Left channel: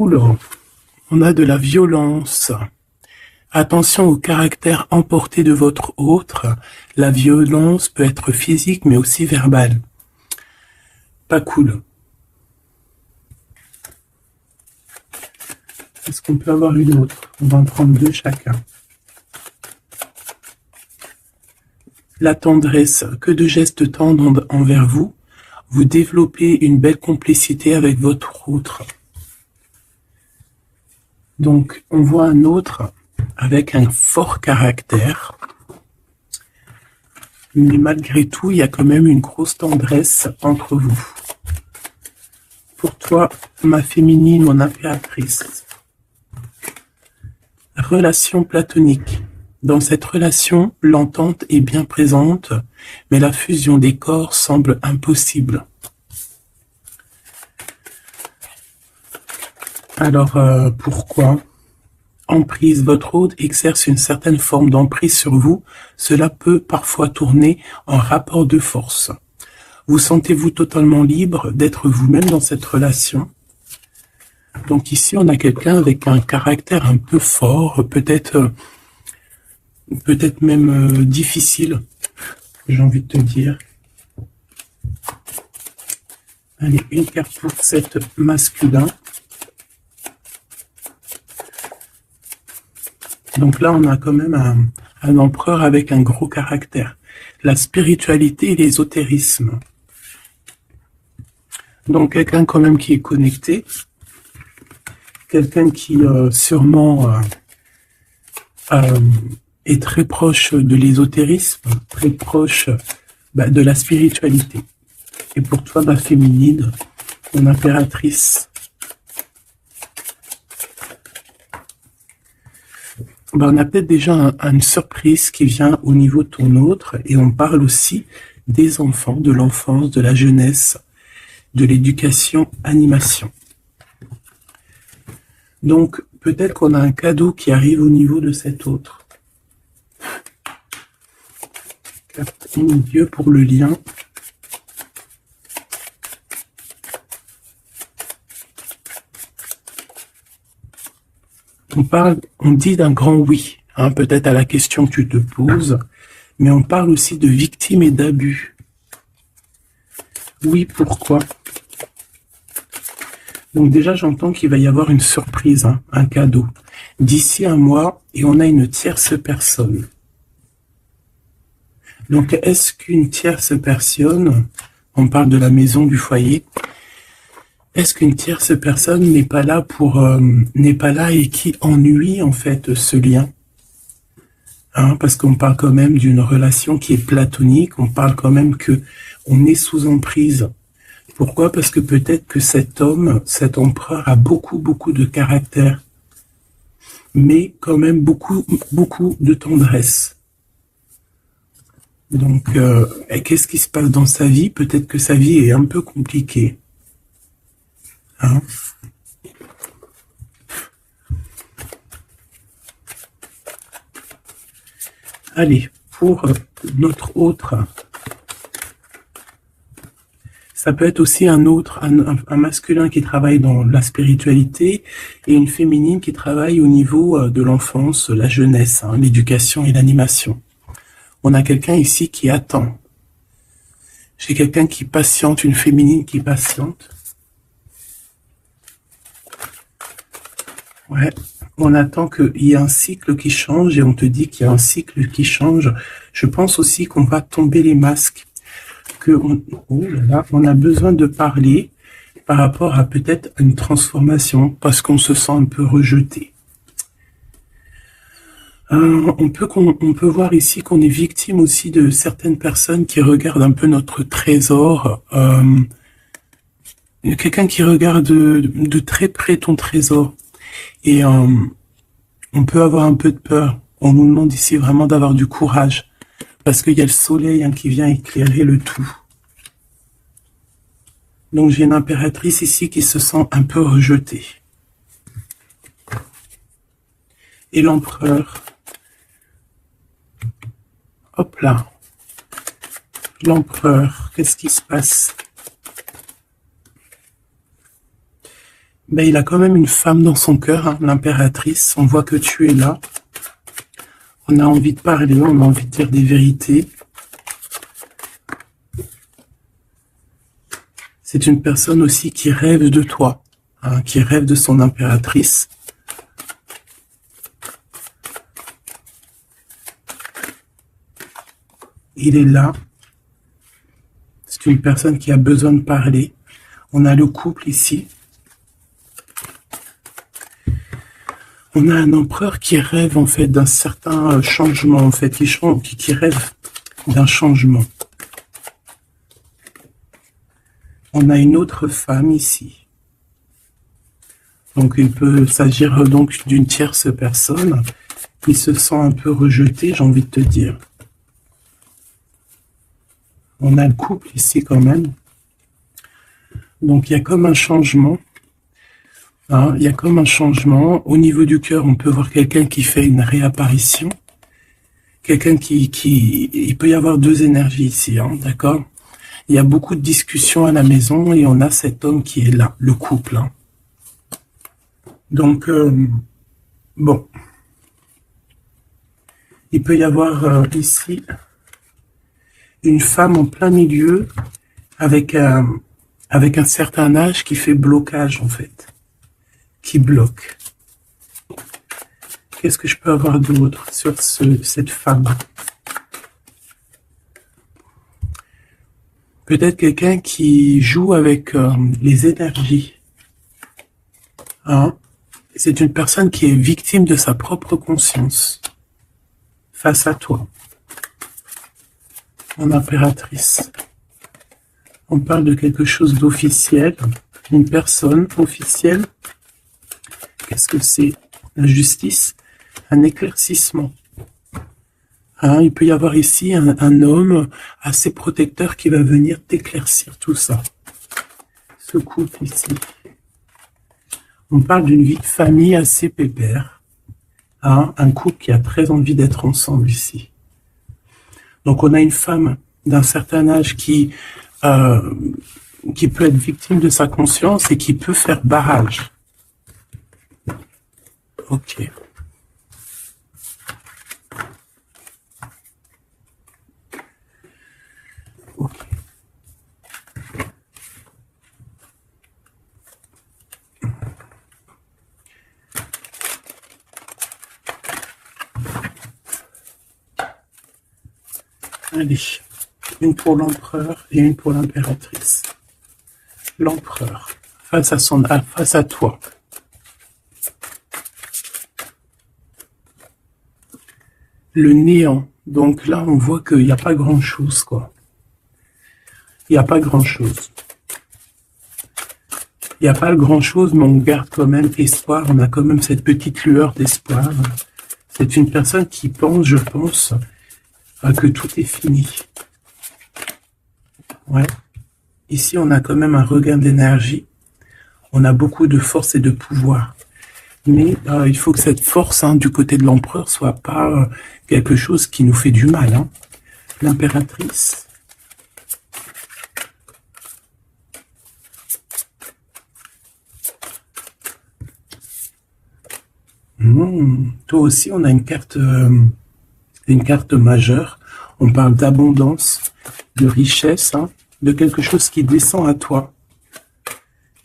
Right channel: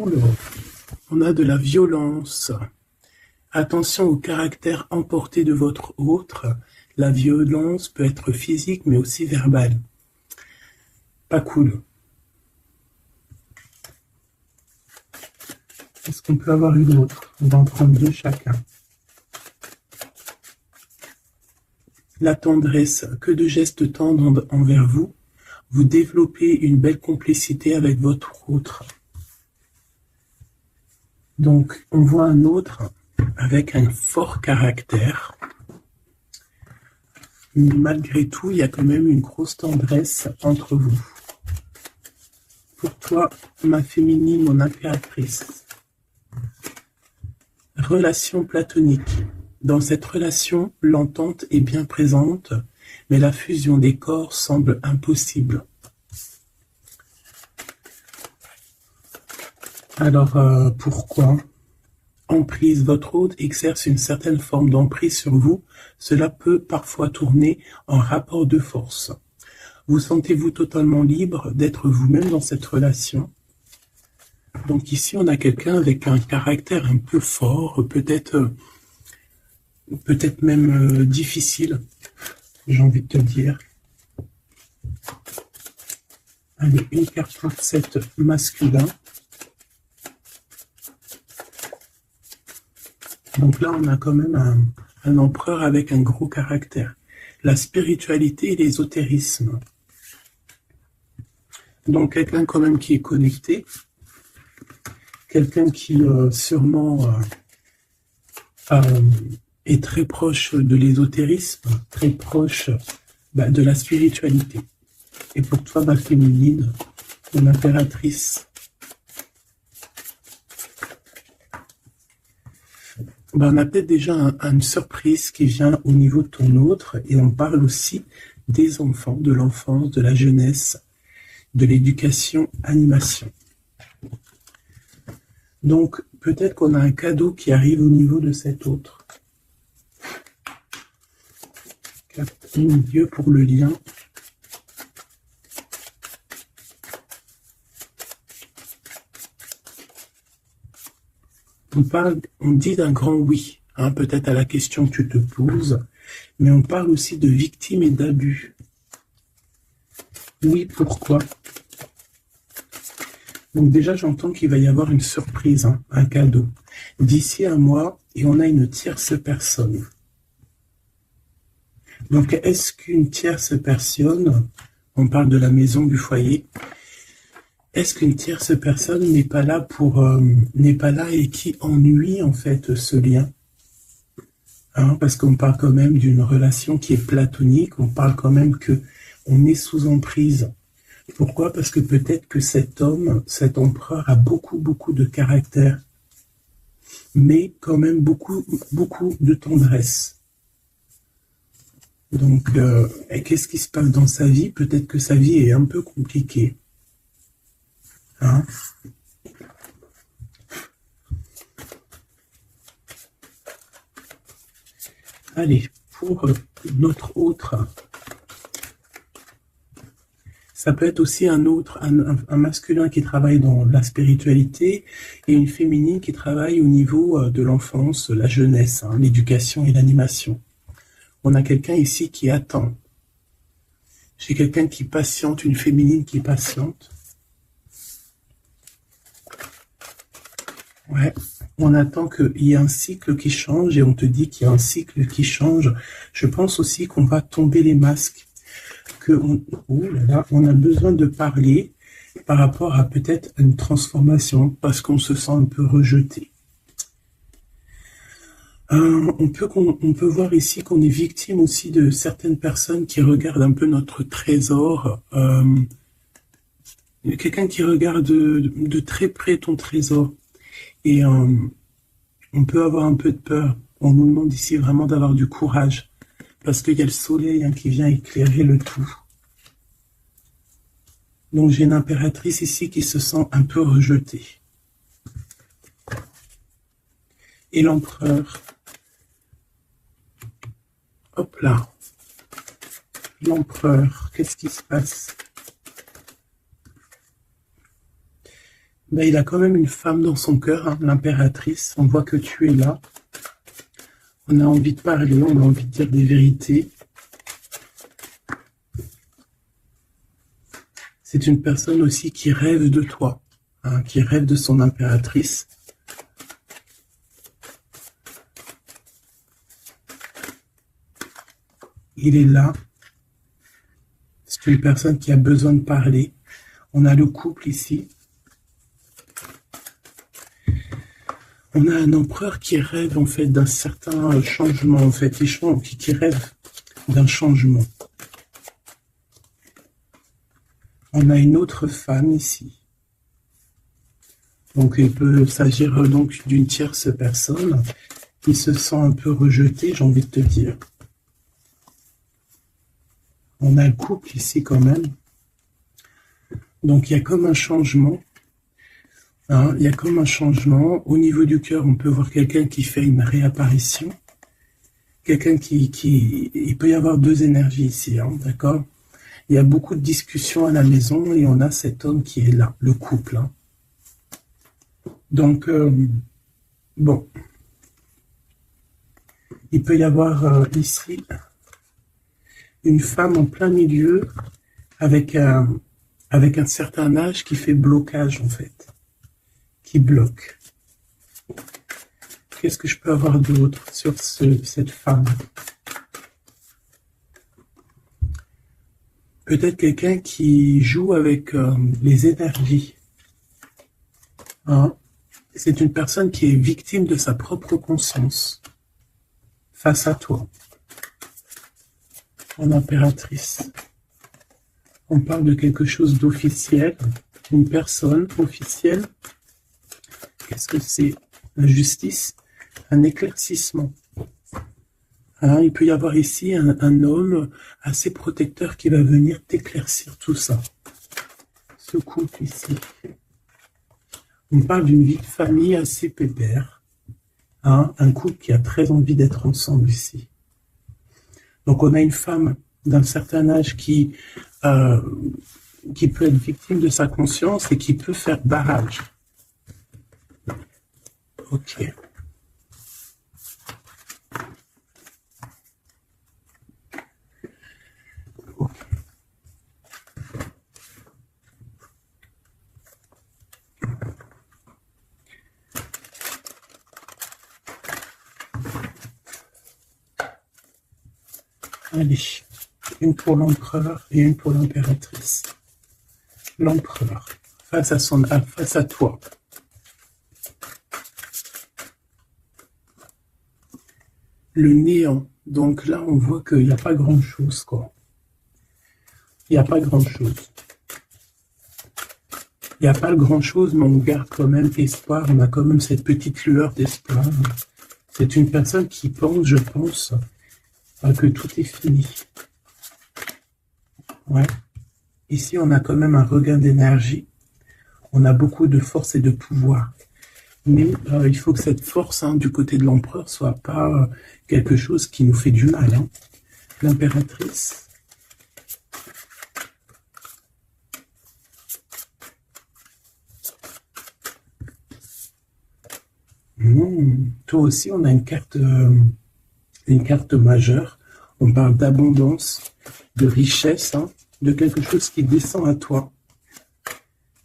Oula, on a de la violence. Attention au caractère emporté de votre autre. La violence peut être physique mais aussi verbale. Pas cool. Est-ce qu'on peut avoir une autre? On va en prendre deux chacun. La tendresse, que de gestes tendres envers vous. Vous développez une belle complicité avec votre autre. Donc, on voit un autre avec un fort caractère. Mais malgré tout, il y a quand même une grosse tendresse entre vous. Pour toi, ma féminine, mon impératrice. Relation platonique. Dans cette relation, l'entente est bien présente, mais la fusion des corps semble impossible. Alors, pourquoi? Emprise, votre hôte exerce une certaine forme d'emprise sur vous. Cela peut parfois tourner en rapport de force. Vous sentez-vous totalement libre d'être vous-même dans cette relation? Donc ici, on a quelqu'un avec un caractère un peu fort, peut-être même difficile, j'ai envie de te dire. Allez, une carte pour cette masculin. Donc là, on a quand même un empereur avec un gros caractère. La spiritualité et l'ésotérisme. Donc quelqu'un quand même qui est connecté. Quelqu'un qui sûrement est très proche de l'ésotérisme, très proche de la spiritualité. Et pour toi, ma féminine, mon impératrice. On a peut-être déjà une surprise qui vient au niveau de ton autre, et on parle aussi des enfants, de l'enfance, de la jeunesse, de l'éducation, animation. Donc, peut-être qu'on a un cadeau qui arrive au niveau de cet autre. Carte en Dieu pour le lien. On dit d'un grand oui, hein, peut-être à la question que tu te poses, mais on parle aussi de victimes et d'abus. Oui, pourquoi? Donc déjà, j'entends qu'il va y avoir une surprise, hein, un cadeau. D'ici un mois, et on a une tierce personne. Donc, est-ce qu'une tierce personne, on parle de la maison, du foyer, est-ce qu'une tierce personne n'est pas là n'est pas là et qui ennuie en fait ce lien, hein, parce qu'on parle quand même d'une relation qui est platonique, on parle quand même que on est sous emprise. Pourquoi? Parce que peut-être que cet homme, cet empereur a beaucoup de caractère, mais quand même beaucoup de tendresse. Donc, qu'est-ce qui se passe dans sa vie? Peut-être que sa vie est un peu compliquée. Hein? Allez, pour notre autre, ça peut être aussi un masculin qui travaille dans la spiritualité et une féminine qui travaille au niveau de l'enfance, la jeunesse, hein, l'éducation et l'animation. On a quelqu'un ici qui attend. J'ai quelqu'un qui patiente, une féminine qui patiente. Ouais, on attend qu'il y ait un cycle qui change et on te dit qu'il y a un cycle qui change. Je pense aussi qu'on va tomber les masques, on a besoin de parler par rapport à peut-être une transformation parce qu'on se sent un peu rejeté. On peut voir ici qu'on est victime aussi de certaines personnes qui regardent un peu notre trésor. Quelqu'un qui regarde de très près ton trésor. Et on peut avoir un peu de peur. On nous demande ici vraiment d'avoir du courage. Parce qu'il y a le soleil, hein, qui vient éclairer le tout. Donc j'ai une impératrice ici qui se sent un peu rejetée. Et l'empereur. Hop là. L'empereur, qu'est-ce qui se passe? Ben, il a quand même une femme dans son cœur, hein, l'impératrice. On voit que tu es là. On a envie de parler, on a envie de dire des vérités. C'est une personne aussi qui rêve de toi, hein, qui rêve de son impératrice. Il est là. C'est une personne qui a besoin de parler. On a le couple ici. On a un empereur qui rêve en fait d'un certain changement, en fait, qui rêve d'un changement. On a une autre femme ici. Donc il peut s'agir donc d'une tierce personne qui se sent un peu rejetée, j'ai envie de te dire. On a le couple ici quand même. Donc il y a comme un changement. Hein, il y a comme un changement. Au niveau du cœur, on peut voir quelqu'un qui fait une réapparition. Quelqu'un il peut y avoir deux énergies ici, hein, d'accord? Il y a beaucoup de discussions à la maison et on a cet homme qui est là, le couple. Hein. Donc, bon. Il peut y avoir ici une femme en plein milieu avec un certain âge qui fait blocage en fait, qui bloque. Qu'est-ce que je peux avoir d'autre sur cette femme? Peut-être quelqu'un qui joue avec les énergies. Hein? C'est une personne qui est victime de sa propre conscience face à toi. Mon impératrice. On parle de quelque chose d'officiel, une personne officielle. Qu'est-ce que c'est? La justice, un éclaircissement. Hein, il peut y avoir ici un homme assez protecteur qui va venir t'éclaircir tout ça. Ce couple ici. On parle d'une vie de famille assez pépère. Hein, un couple qui a très envie d'être ensemble ici. Donc on a une femme d'un certain âge qui peut être victime de sa conscience et qui peut faire barrage. Ok. Ok. Allez, une pour l'empereur et une pour l'impératrice. L'empereur, face à toi. Le néant. Donc là, on voit qu'il n'y a pas grand-chose, quoi. Il n'y a pas grand-chose. Il n'y a pas grand-chose, mais on garde quand même espoir. On a quand même cette petite lueur d'espoir. C'est une personne qui pense, je pense, que tout est fini. Ouais. Ici, on a quand même un regain d'énergie. On a beaucoup de force et de pouvoir. Mais il faut que cette force, hein, du côté de l'empereur, soit pas quelque chose qui nous fait du mal. Hein. L'impératrice. Toi aussi, on a une carte majeure. On parle d'abondance, de richesse, hein, de quelque chose qui descend à toi.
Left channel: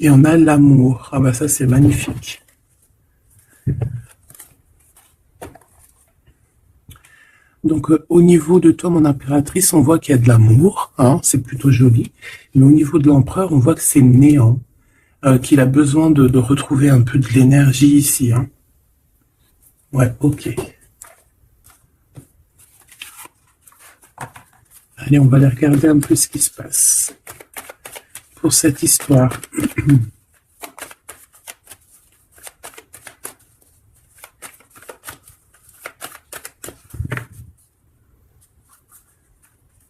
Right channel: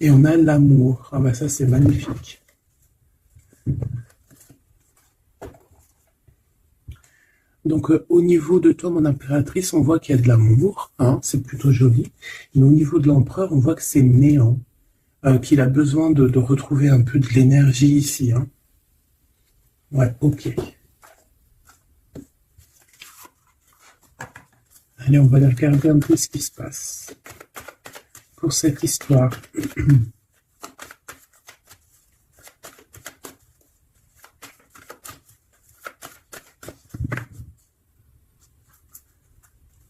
Et on a l'amour. Ah bah ça, c'est magnifique. Donc, au niveau de toi, mon impératrice, on voit qu'il y a de l'amour, hein, c'est plutôt joli. Mais au niveau de l'empereur, on voit que c'est néant, qu'il a besoin de retrouver un peu de l'énergie ici. Hein. Ouais, ok. Allez, on va aller regarder un peu ce qui se passe pour cette histoire.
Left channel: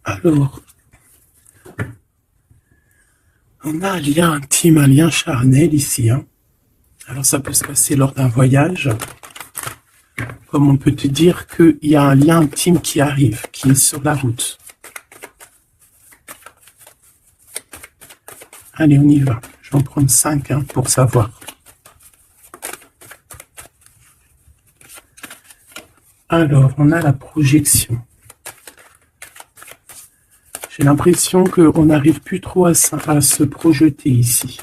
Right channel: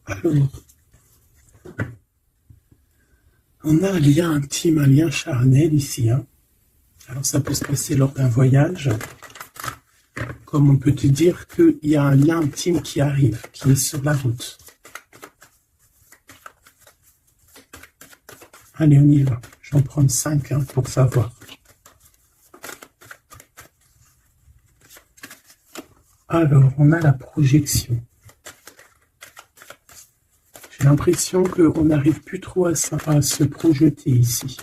Alors, on a un lien intime, un lien charnel ici. Hein. Alors, ça peut se passer lors d'un voyage. Comme on peut te dire qu'il y a un lien intime qui arrive, qui est sur la route. Allez, on y va. Je vais en prendre 5 hein, pour savoir. Alors, on a la projection. J'ai l'impression qu'on n'arrive plus trop à se projeter ici.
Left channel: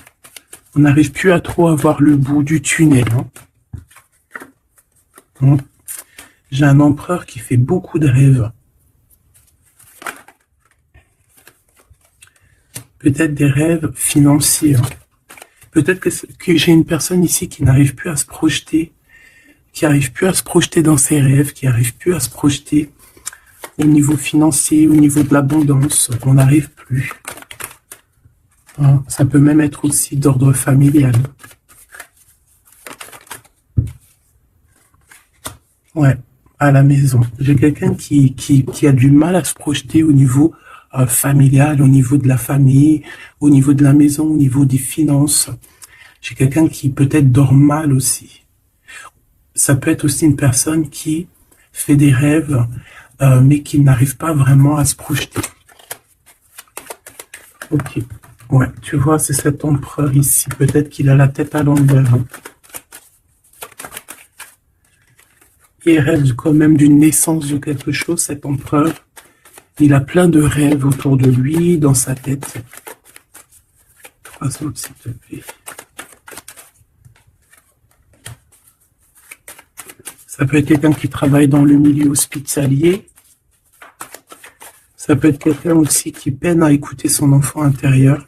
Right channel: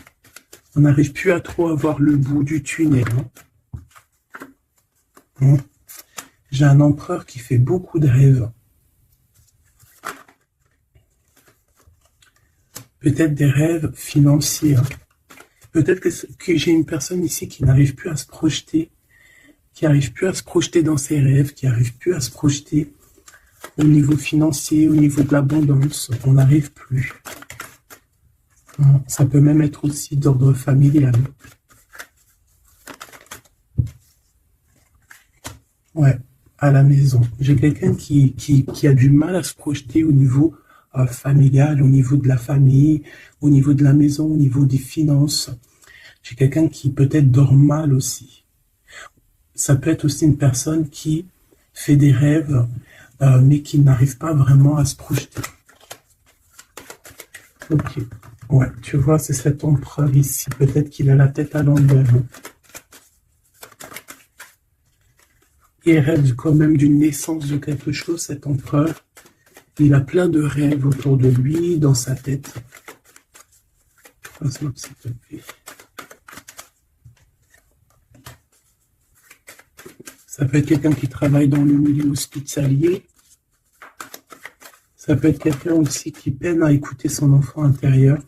On n'arrive plus à trop avoir le bout du tunnel. Hein. J'ai un empereur qui fait beaucoup de rêves. Peut-être des rêves financiers. Hein. Peut-être que j'ai une personne ici qui n'arrive plus à se projeter, qui n'arrive plus à se projeter dans ses rêves, qui n'arrive plus à se projeter au niveau financier, au niveau de l'abondance. On n'arrive plus. Hein. Ça peut même être aussi d'ordre familial. Ouais, à la maison. J'ai quelqu'un qui a du mal à se projeter au niveau familial, au niveau de la famille, au niveau de la maison, au niveau des finances. J'ai quelqu'un qui peut-être dort mal aussi. Ça peut être aussi une personne qui fait des rêves, mais qui n'arrive pas vraiment à se projeter. Ok. Ouais, tu vois, c'est cet empereur ici. Peut-être qu'il a la tête à l'envers. Il rêve quand même d'une naissance de quelque chose, cet empereur. Il a plein de rêves autour de lui, dans sa tête. 3 autres, s'il te plaît. Ça peut être quelqu'un qui travaille dans le milieu hospitalier. Ça peut être quelqu'un aussi qui peine à écouter son enfant intérieur.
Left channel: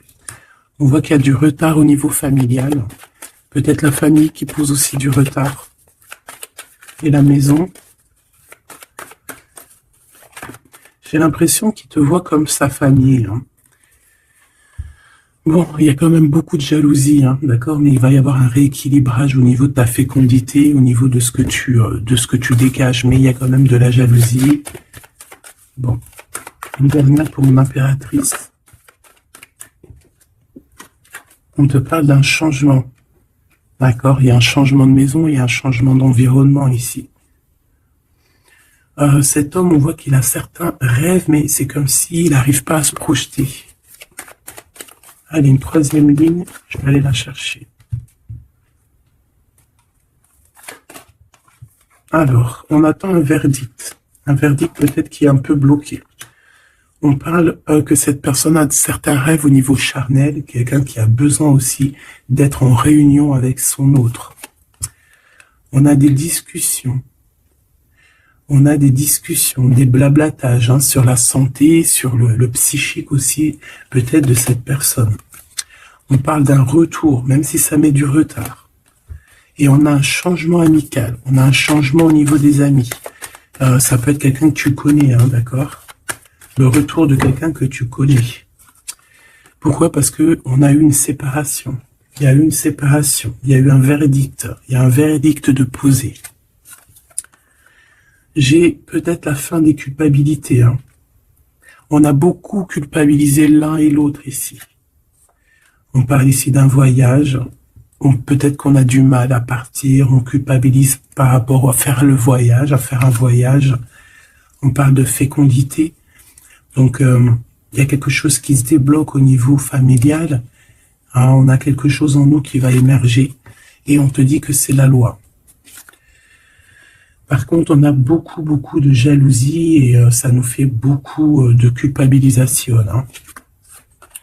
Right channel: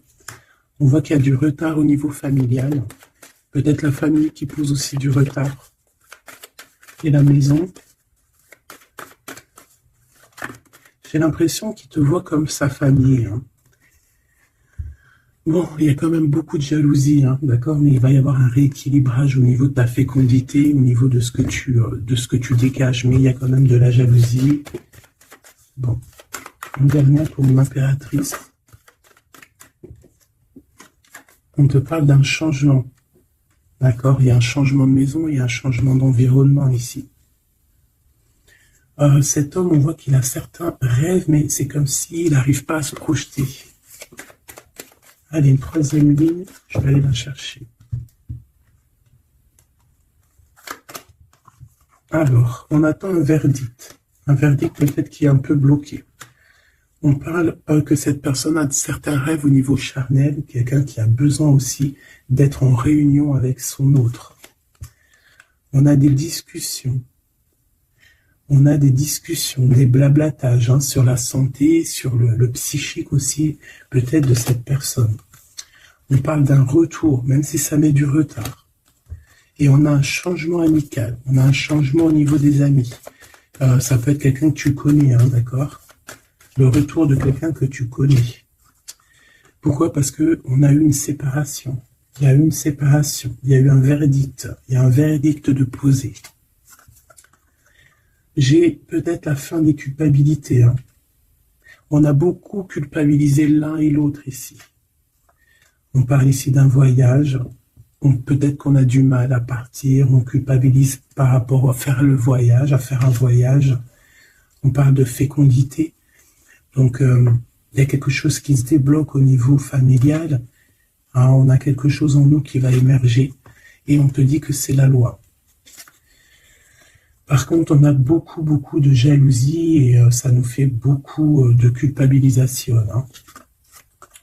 On voit qu'il y a du retard au niveau familial. Peut-être la famille qui pose aussi du retard. Et la maison. J'ai l'impression qu'il te voit comme sa famille. Hein. Bon, il y a quand même beaucoup de jalousie, hein, d'accord, mais il va y avoir un rééquilibrage au niveau de ta fécondité, au niveau de ce que tu dégages, mais il y a quand même de la jalousie. Bon, une dernière pour une impératrice. On te parle d'un changement, d'accord, il y a un changement de maison, il y a un changement d'environnement ici. Cet homme, on voit qu'il a certains rêves, mais c'est comme s'il n'arrive pas à se projeter. Allez, une 3e ligne, je vais aller la chercher. Alors, on attend un verdict. Un verdict peut-être qui est un peu bloqué. On parle que cette personne a certains rêves au niveau charnel, quelqu'un qui a besoin aussi d'être en réunion avec son autre. On a des discussions. On a des discussions, des blablatages hein, sur la santé, sur le psychique aussi, peut-être de cette personne. On parle d'un retour, même si ça met du retard. Et on a un changement amical, on a un changement au niveau des amis. Ça peut être quelqu'un que tu connais, hein, d'accord? Le retour de quelqu'un que tu connais. Pourquoi? Parce que on a eu une séparation. Il y a eu une séparation, il y a eu un verdict, il y a un verdict de poser. J'ai peut-être la fin des culpabilités. Hein. On a beaucoup culpabilisé l'un et l'autre ici. On parle ici d'un voyage. Peut-être qu'on a du mal à partir. On culpabilise par rapport à faire le voyage, à faire un voyage. On parle de fécondité. Donc, il y a quelque chose qui se débloque au niveau familial. Hein, on a quelque chose en nous qui va émerger. Et on te dit que c'est la loi. Par contre, on a beaucoup de jalousie et ça nous fait beaucoup de culpabilisation. Hein.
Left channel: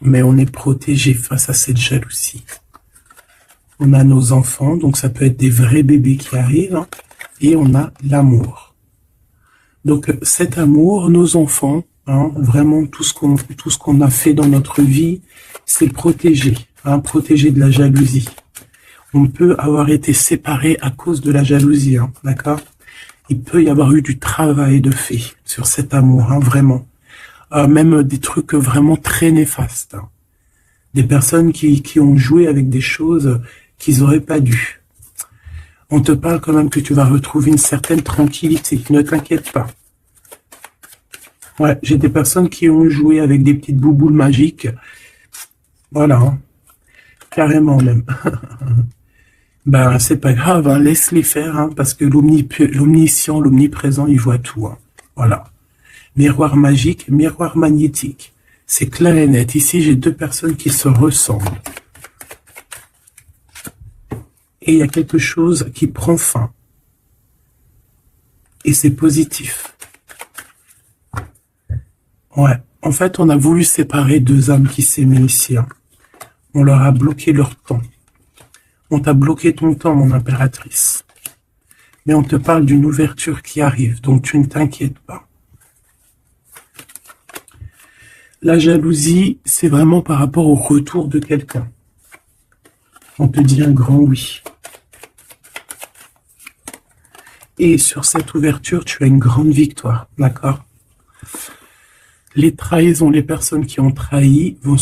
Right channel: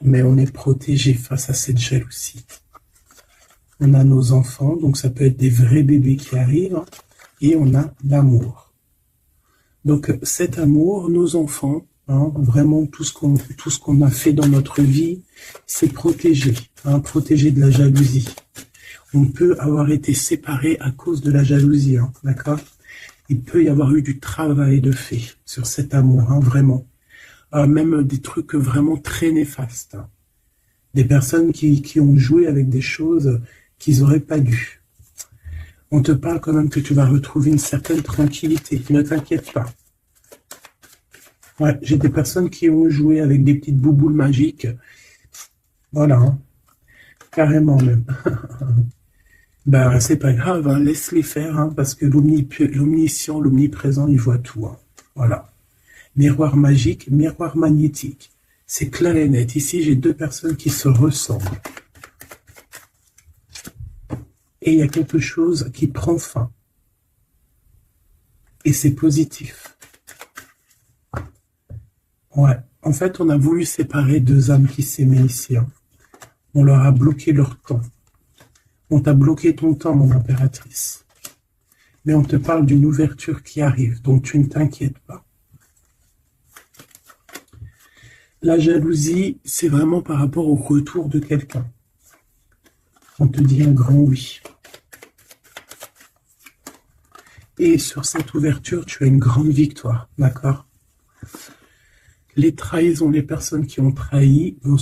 Mais on est protégé face à cette jalousie. On a nos enfants, donc ça peut être des vrais bébés qui arrivent. Hein, et on a l'amour. Donc cet amour, nos enfants, hein, vraiment tout ce qu'on a fait dans notre vie, c'est protégé. Hein, protégé de la jalousie. On peut avoir été séparés à cause de la jalousie. Hein, d'accord ? Il peut y avoir eu du travail de fait sur cet amour, hein, vraiment. Même des trucs vraiment très néfastes. Hein. Des personnes qui ont joué avec des choses qu'ils n'auraient pas dû. On te parle quand même que tu vas retrouver une certaine tranquillité. Ne t'inquiète pas. Ouais, j'ai des personnes qui ont joué avec des petites bouboules magiques. Voilà. Hein. Carrément même. Ben, c'est pas grave, hein, laisse-les faire, hein, parce que l'omniscient, l'omniprésent, il voit tout. Hein. Voilà. Miroir magique, miroir magnétique. C'est clair et net. Ici, j'ai 2 personnes qui se ressemblent. Et il y a quelque chose qui prend fin. Et c'est positif. Ouais. En fait, on a voulu séparer deux âmes qui s'aimaient ici, hein. On leur a bloqué leur temps. On t'a bloqué ton temps, mon impératrice. Mais on te parle d'une ouverture qui arrive, donc tu ne t'inquiètes pas. La jalousie, c'est vraiment par rapport au retour de quelqu'un. On te dit un grand oui. Et sur cette ouverture, tu as une grande victoire, d'accord? Les trahisons, les personnes qui ont trahi vont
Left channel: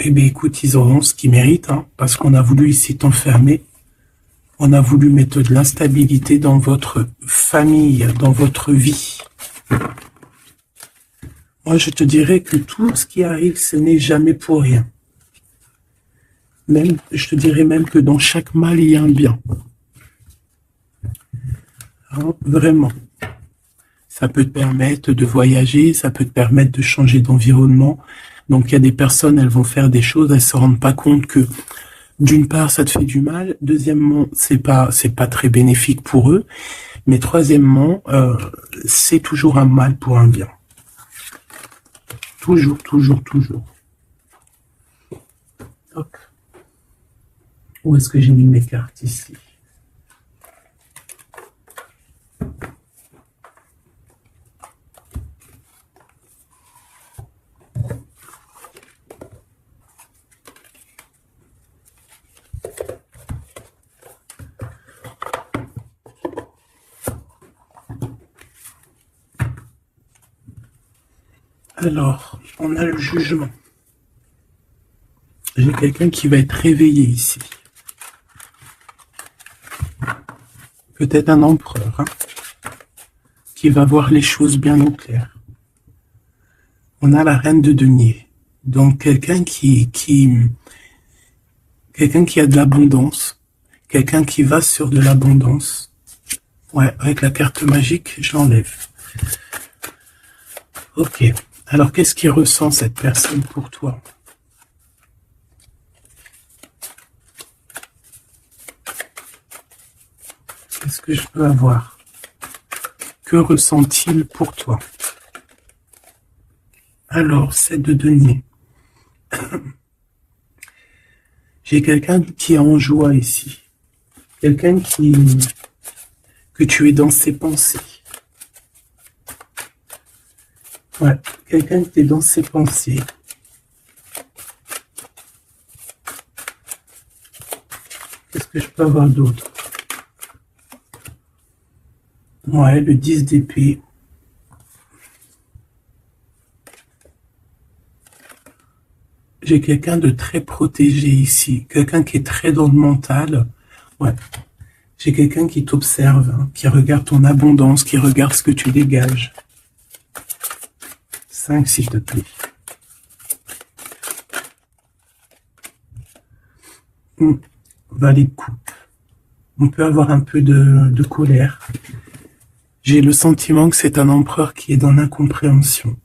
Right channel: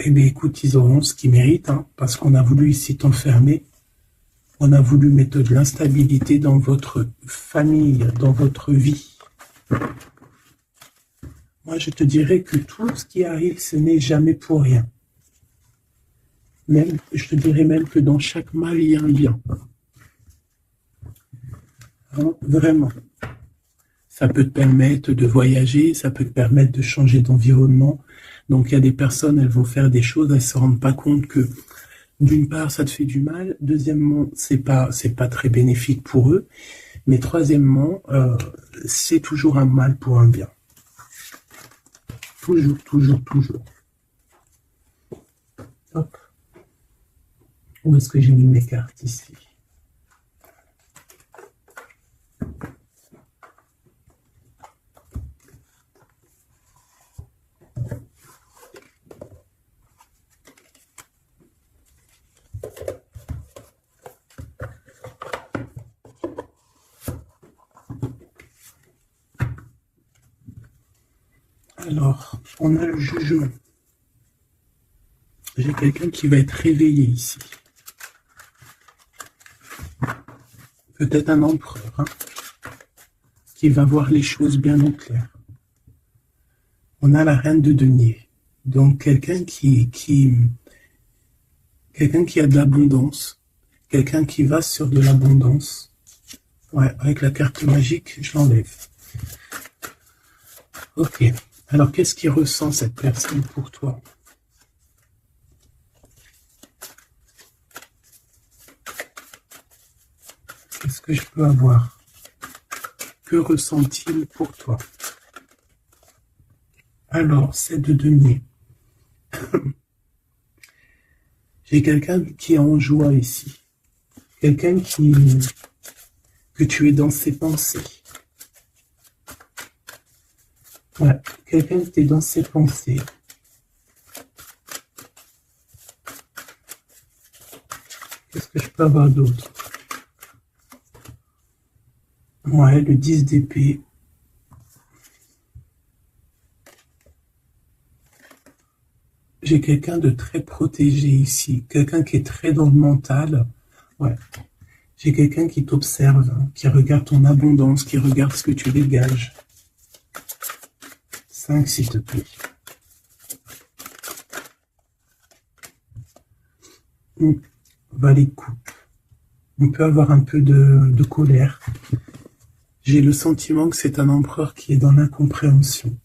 eh bien, écoute, ils auront ce qu'ils méritent, hein, parce qu'on a voulu ici t'enfermer. On a voulu mettre de l'instabilité dans votre famille, dans votre vie. Moi, je te dirais que tout ce qui arrive, ce n'est jamais pour rien. Même, je te dirais même que dans chaque mal, il y a un bien. Hein, vraiment. Ça peut te permettre de voyager, ça peut te permettre de changer d'environnement. Donc, il y a des personnes, elles vont faire des choses, elles se rendent pas compte que, d'une part, ça te fait du mal. Deuxièmement, c'est pas très bénéfique pour eux. Mais troisièmement, c'est toujours un mal pour un bien. Toujours, toujours, toujours. Hop. Où est-ce que j'ai mis mes cartes ici? Alors, on a le jugement. J'ai quelqu'un qui va être réveillé ici. Peut-être un empereur, hein, qui va voir les choses bien au clair. On a la reine de denier. Donc, quelqu'un qui a de l'abondance. Quelqu'un qui va sur de l'abondance. Ouais, avec la carte magique, je l'enlève. Ok. Alors, qu'est-ce qu'il ressent cette personne pour toi? Qu'est-ce que je peux avoir? Que ressent-il pour toi? Alors, c'est de denier. J'ai quelqu'un qui est en joie ici. Quelqu'un que tu es dans ses pensées. Ouais, quelqu'un qui est dans ses pensées. Qu'est-ce que je peux avoir d'autre? Ouais, le 10 d'épée. J'ai quelqu'un de très protégé ici. Quelqu'un qui est très dans le mental. Ouais. J'ai quelqu'un qui t'observe, hein, qui regarde ton abondance, qui regarde ce que tu dégages. 5, s'il te plaît. Valet de coupe. On peut avoir un peu de colère. J'ai le sentiment que c'est un empereur qui est dans l'incompréhension.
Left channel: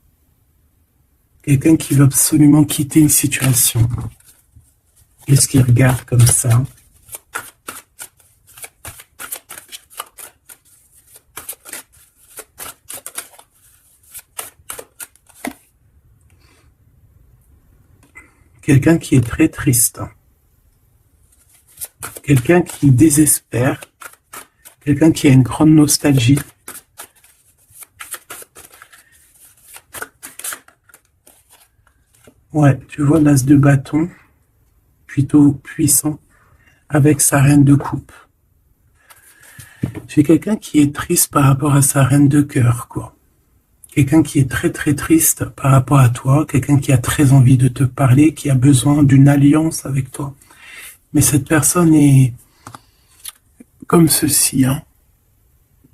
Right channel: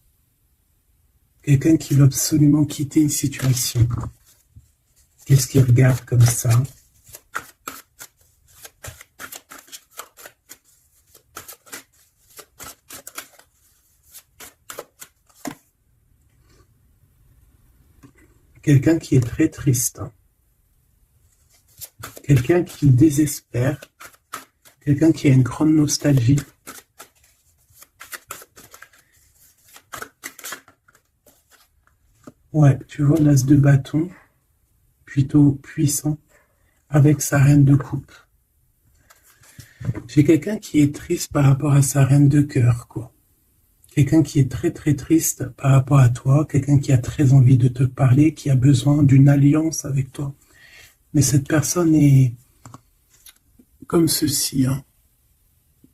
Quelqu'un qui veut absolument quitter une situation. Qu'est-ce qu'il regarde comme ça? Quelqu'un qui est très triste. Quelqu'un qui désespère. Quelqu'un qui a une grande nostalgie. Ouais, tu vois l'as de bâton, plutôt puissant, avec sa reine de coupe. J'ai quelqu'un qui est triste par rapport à sa reine de cœur, quoi. Quelqu'un qui est très très triste par rapport à toi, quelqu'un qui a très envie de te parler, qui a besoin d'une alliance avec toi. Mais cette personne est comme ceci, hein,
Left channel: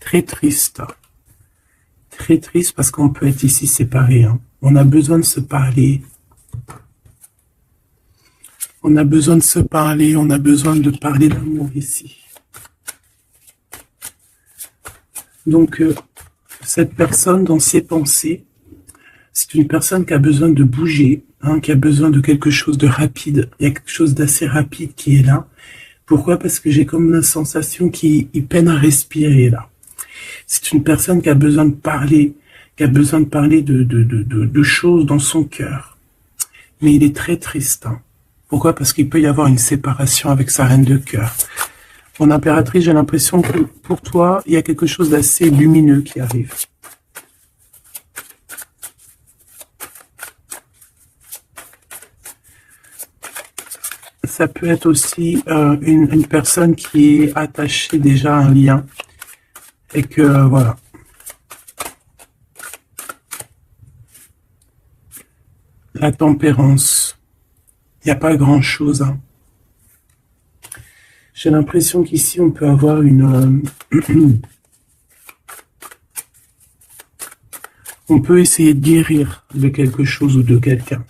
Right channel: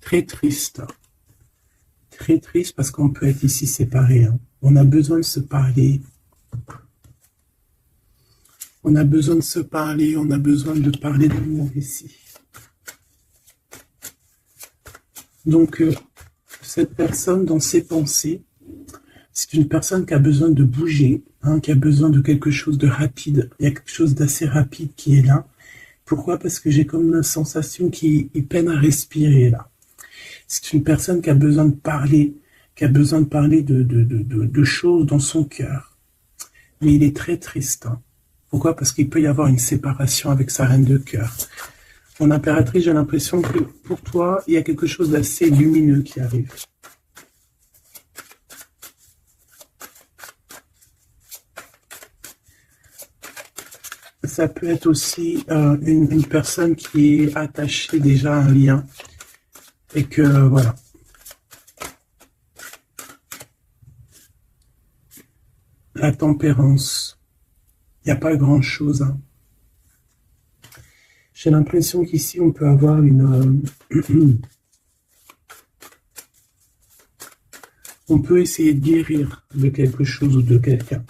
très triste. Très triste parce qu'on peut être ici séparés, hein. On a besoin de se parler. On a besoin de se parler, on a besoin de parler d'amour ici. Donc, cette personne, dans ses pensées, c'est une personne qui a besoin de bouger, hein, qui a besoin de quelque chose de rapide. Il y a quelque chose d'assez rapide qui est là Pourquoi? Parce que j'ai comme une sensation qu'il peine à respirer là. C'est une personne qui a besoin de parler, qui a besoin de parler de choses dans son cœur. Mais il est très triste. Hein. Pourquoi? Parce qu'il peut y avoir une séparation avec sa reine de cœur. Mon impératrice, j'ai l'impression que pour toi, il y a quelque chose d'assez lumineux qui arrive. Ça peut être aussi une personne qui est attachée déjà à un lien. Et que, voilà. La tempérance. Il n'y a pas grand-chose. Hein. J'ai l'impression qu'ici, on peut avoir une... on peut essayer de guérir de quelque chose ou de quelqu'un.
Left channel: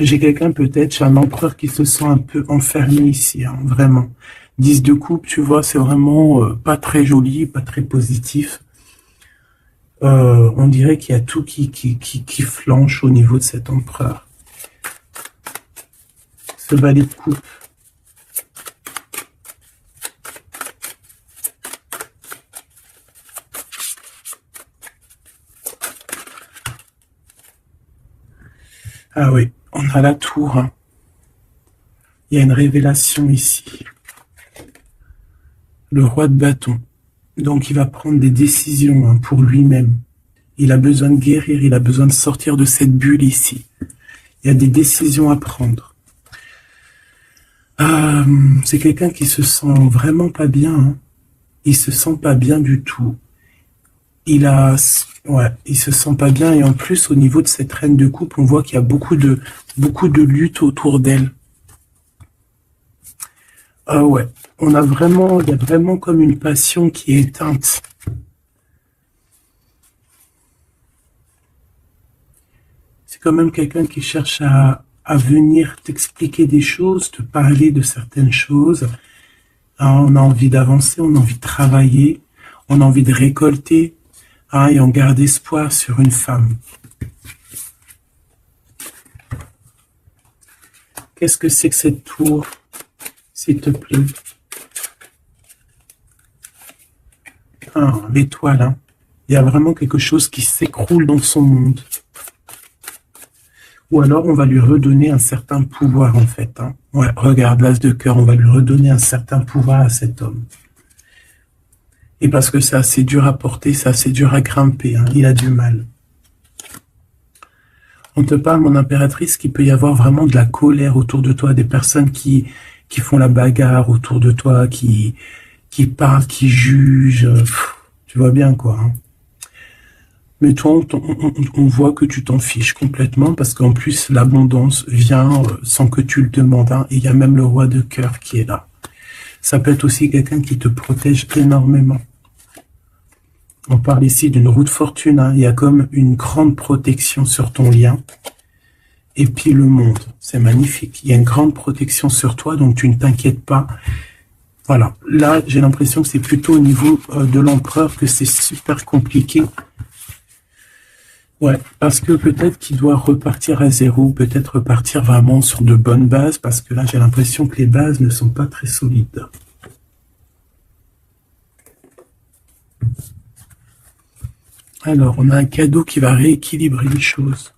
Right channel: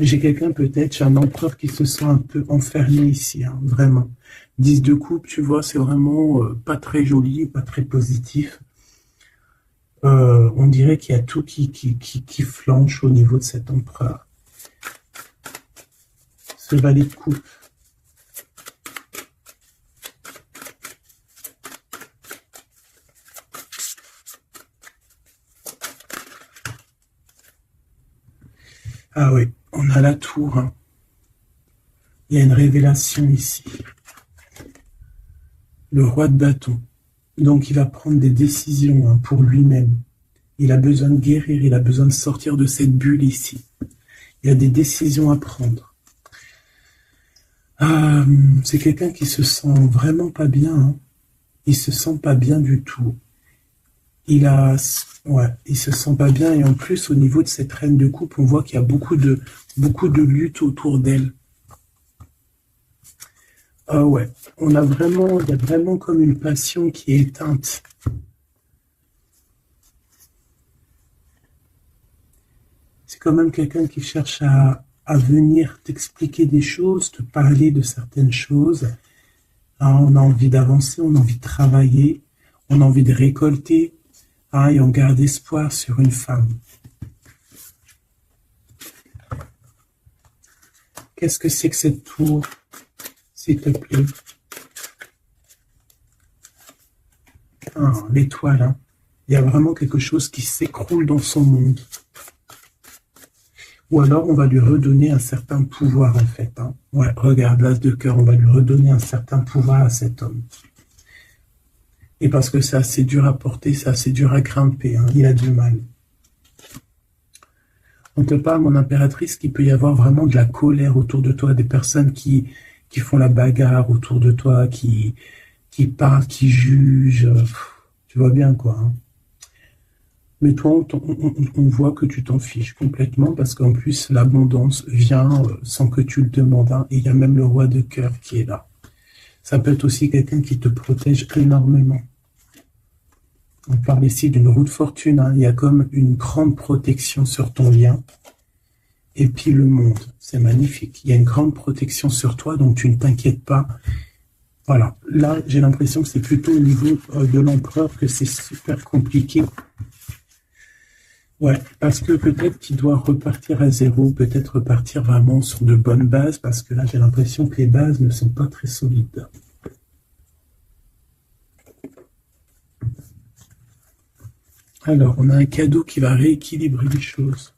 J'ai quelqu'un peut-être, j'ai un empereur qui se sent un peu enfermé ici, hein, vraiment. 10 de coupe, tu vois, c'est vraiment pas très joli, pas très positif. On dirait qu'il y a tout qui flanche au niveau de cet empereur. Ce valet de coupe. Ah oui, on a la tour. Hein. Il y a une révélation ici. Le roi de bâton. Donc il va prendre des décisions hein, pour lui-même. Il a besoin de guérir, il a besoin de sortir de cette bulle ici. Il y a des décisions à prendre. C'est quelqu'un qui se sent vraiment pas bien. Hein. Il se sent pas bien du tout. Il se sent pas bien et en plus au niveau de cette reine de coupe, on voit qu'il y a beaucoup de lutte autour d'elle. Ah ouais, il y a vraiment comme une passion qui est éteinte. C'est quand même quelqu'un qui cherche à venir t'expliquer des choses, te parler de certaines choses. Alors, on a envie d'avancer, on a envie de travailler, on a envie de récolter, hein, et on garde espoir sur une femme. Qu'est-ce que c'est que cette tour, s'il te plaît? Ah, l'étoile, hein. Il y a vraiment quelque chose qui s'écroule dans son monde. Ou alors, on va lui redonner un certain pouvoir, en fait. Hein. Ouais, regarde, l'as de cœur, on va lui redonner un certain pouvoir à cet homme. Et parce que c'est assez dur à porter, c'est assez dur à grimper. Hein. Il a du mal. On te parle, mon impératrice, qu'il peut y avoir vraiment de la colère autour de toi, des personnes qui font la bagarre autour de toi, qui parlent, qui jugent. Tu vois bien, quoi. Hein. Mais toi, on voit que tu t'en fiches complètement parce qu'en plus, l'abondance vient sans que tu le demandes. Hein, et il y a même le roi de cœur qui est là. Ça peut être aussi quelqu'un qui te protège énormément. On parle ici d'une roue de fortune. Hein, il y a comme une grande protection sur ton lien. Et puis le monde, c'est magnifique. Il y a une grande protection sur toi, donc tu ne t'inquiètes pas. Voilà. Là, j'ai l'impression que c'est plutôt au niveau de l'empereur que c'est super compliqué. Ouais, parce que peut-être qu'il doit repartir à zéro, peut-être repartir vraiment sur de bonnes bases, parce que là, j'ai l'impression que les bases ne sont pas très solides. Alors, on a un cadeau qui va rééquilibrer les choses.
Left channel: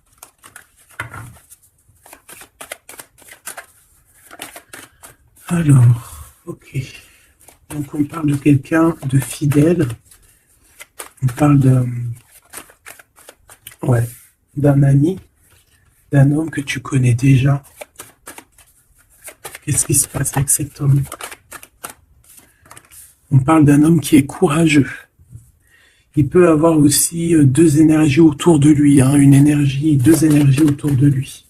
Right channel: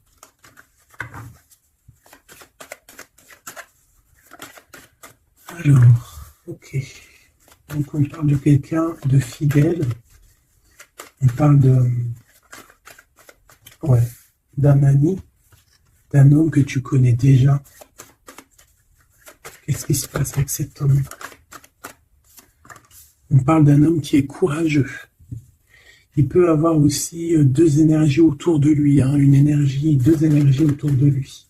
Alors, ok. Donc, on parle de quelqu'un de fidèle. On parle d'un ami, d'un homme que tu connais déjà. Qu'est-ce qui se passe avec cet homme? On parle d'un homme qui est courageux. Il peut avoir aussi deux énergies autour de lui, hein, deux énergies autour de lui.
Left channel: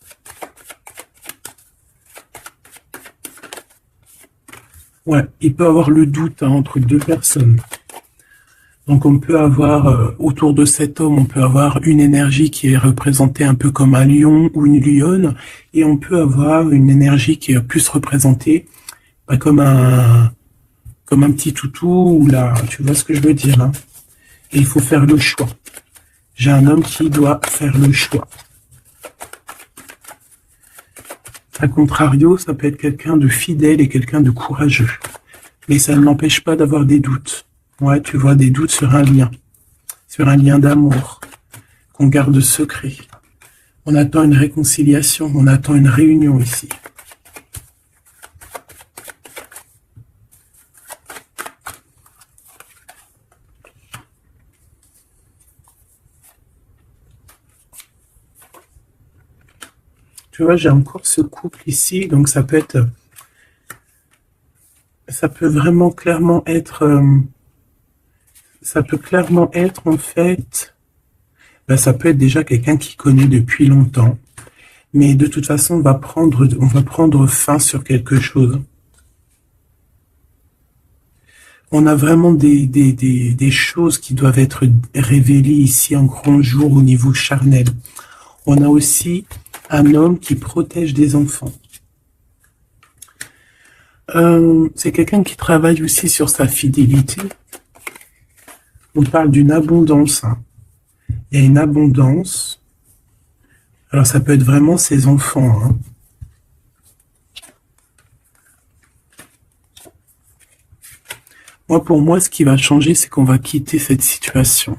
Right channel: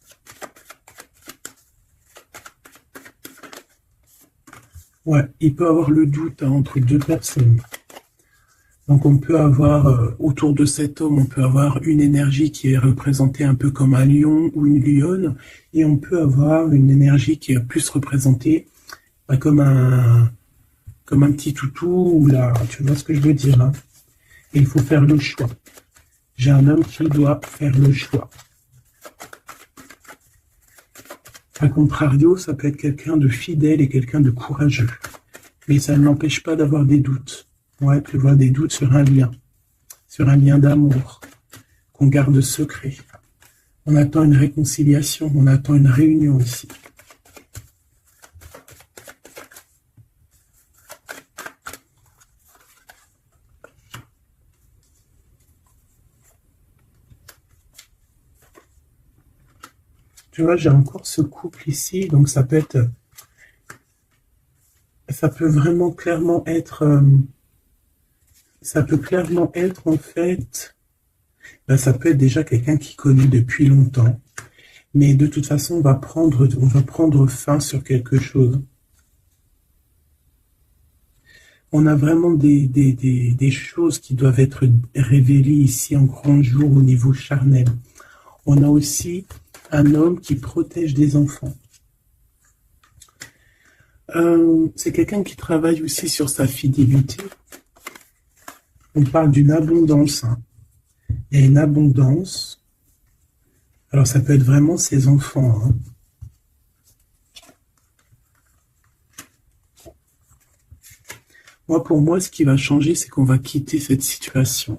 Ouais, il peut avoir le doute hein, entre deux personnes. Donc on peut avoir, autour de cet homme, on peut avoir une énergie qui est représentée un peu comme un lion ou une lionne, et on peut avoir une énergie qui est plus représentée comme un petit toutou, ou là, tu vois ce que je veux dire. Hein. Et il faut faire le choix. J'ai un homme qui doit faire le choix. A contrario, ça peut être quelqu'un de fidèle et quelqu'un de courageux. Mais ça ne m'empêche pas d'avoir des doutes. Ouais, tu vois, des doutes sur un lien d'amour, qu'on garde secret. On attend une réconciliation, on attend une réunion ici. Tu vois, j'ai encore ce couple ici, donc ça peut vraiment clairement être, ça peut clairement être en fait, ça peut être déjà quelqu'un qui connaît depuis longtemps, mais de toute façon, on va prendre fin sur quelque chose. On a vraiment des choses qui doivent être révélées ici en grand jour au niveau charnel. On a aussi un homme qui protège des enfants. C'est quelqu'un qui travaille aussi sur sa fidélité. On parle d'une abondance. Hein. Il y a une abondance. Alors ça peut être vraiment ses enfants. Hein. Moi, pour moi, ce qui va changer, c'est qu'on va quitter cette situation.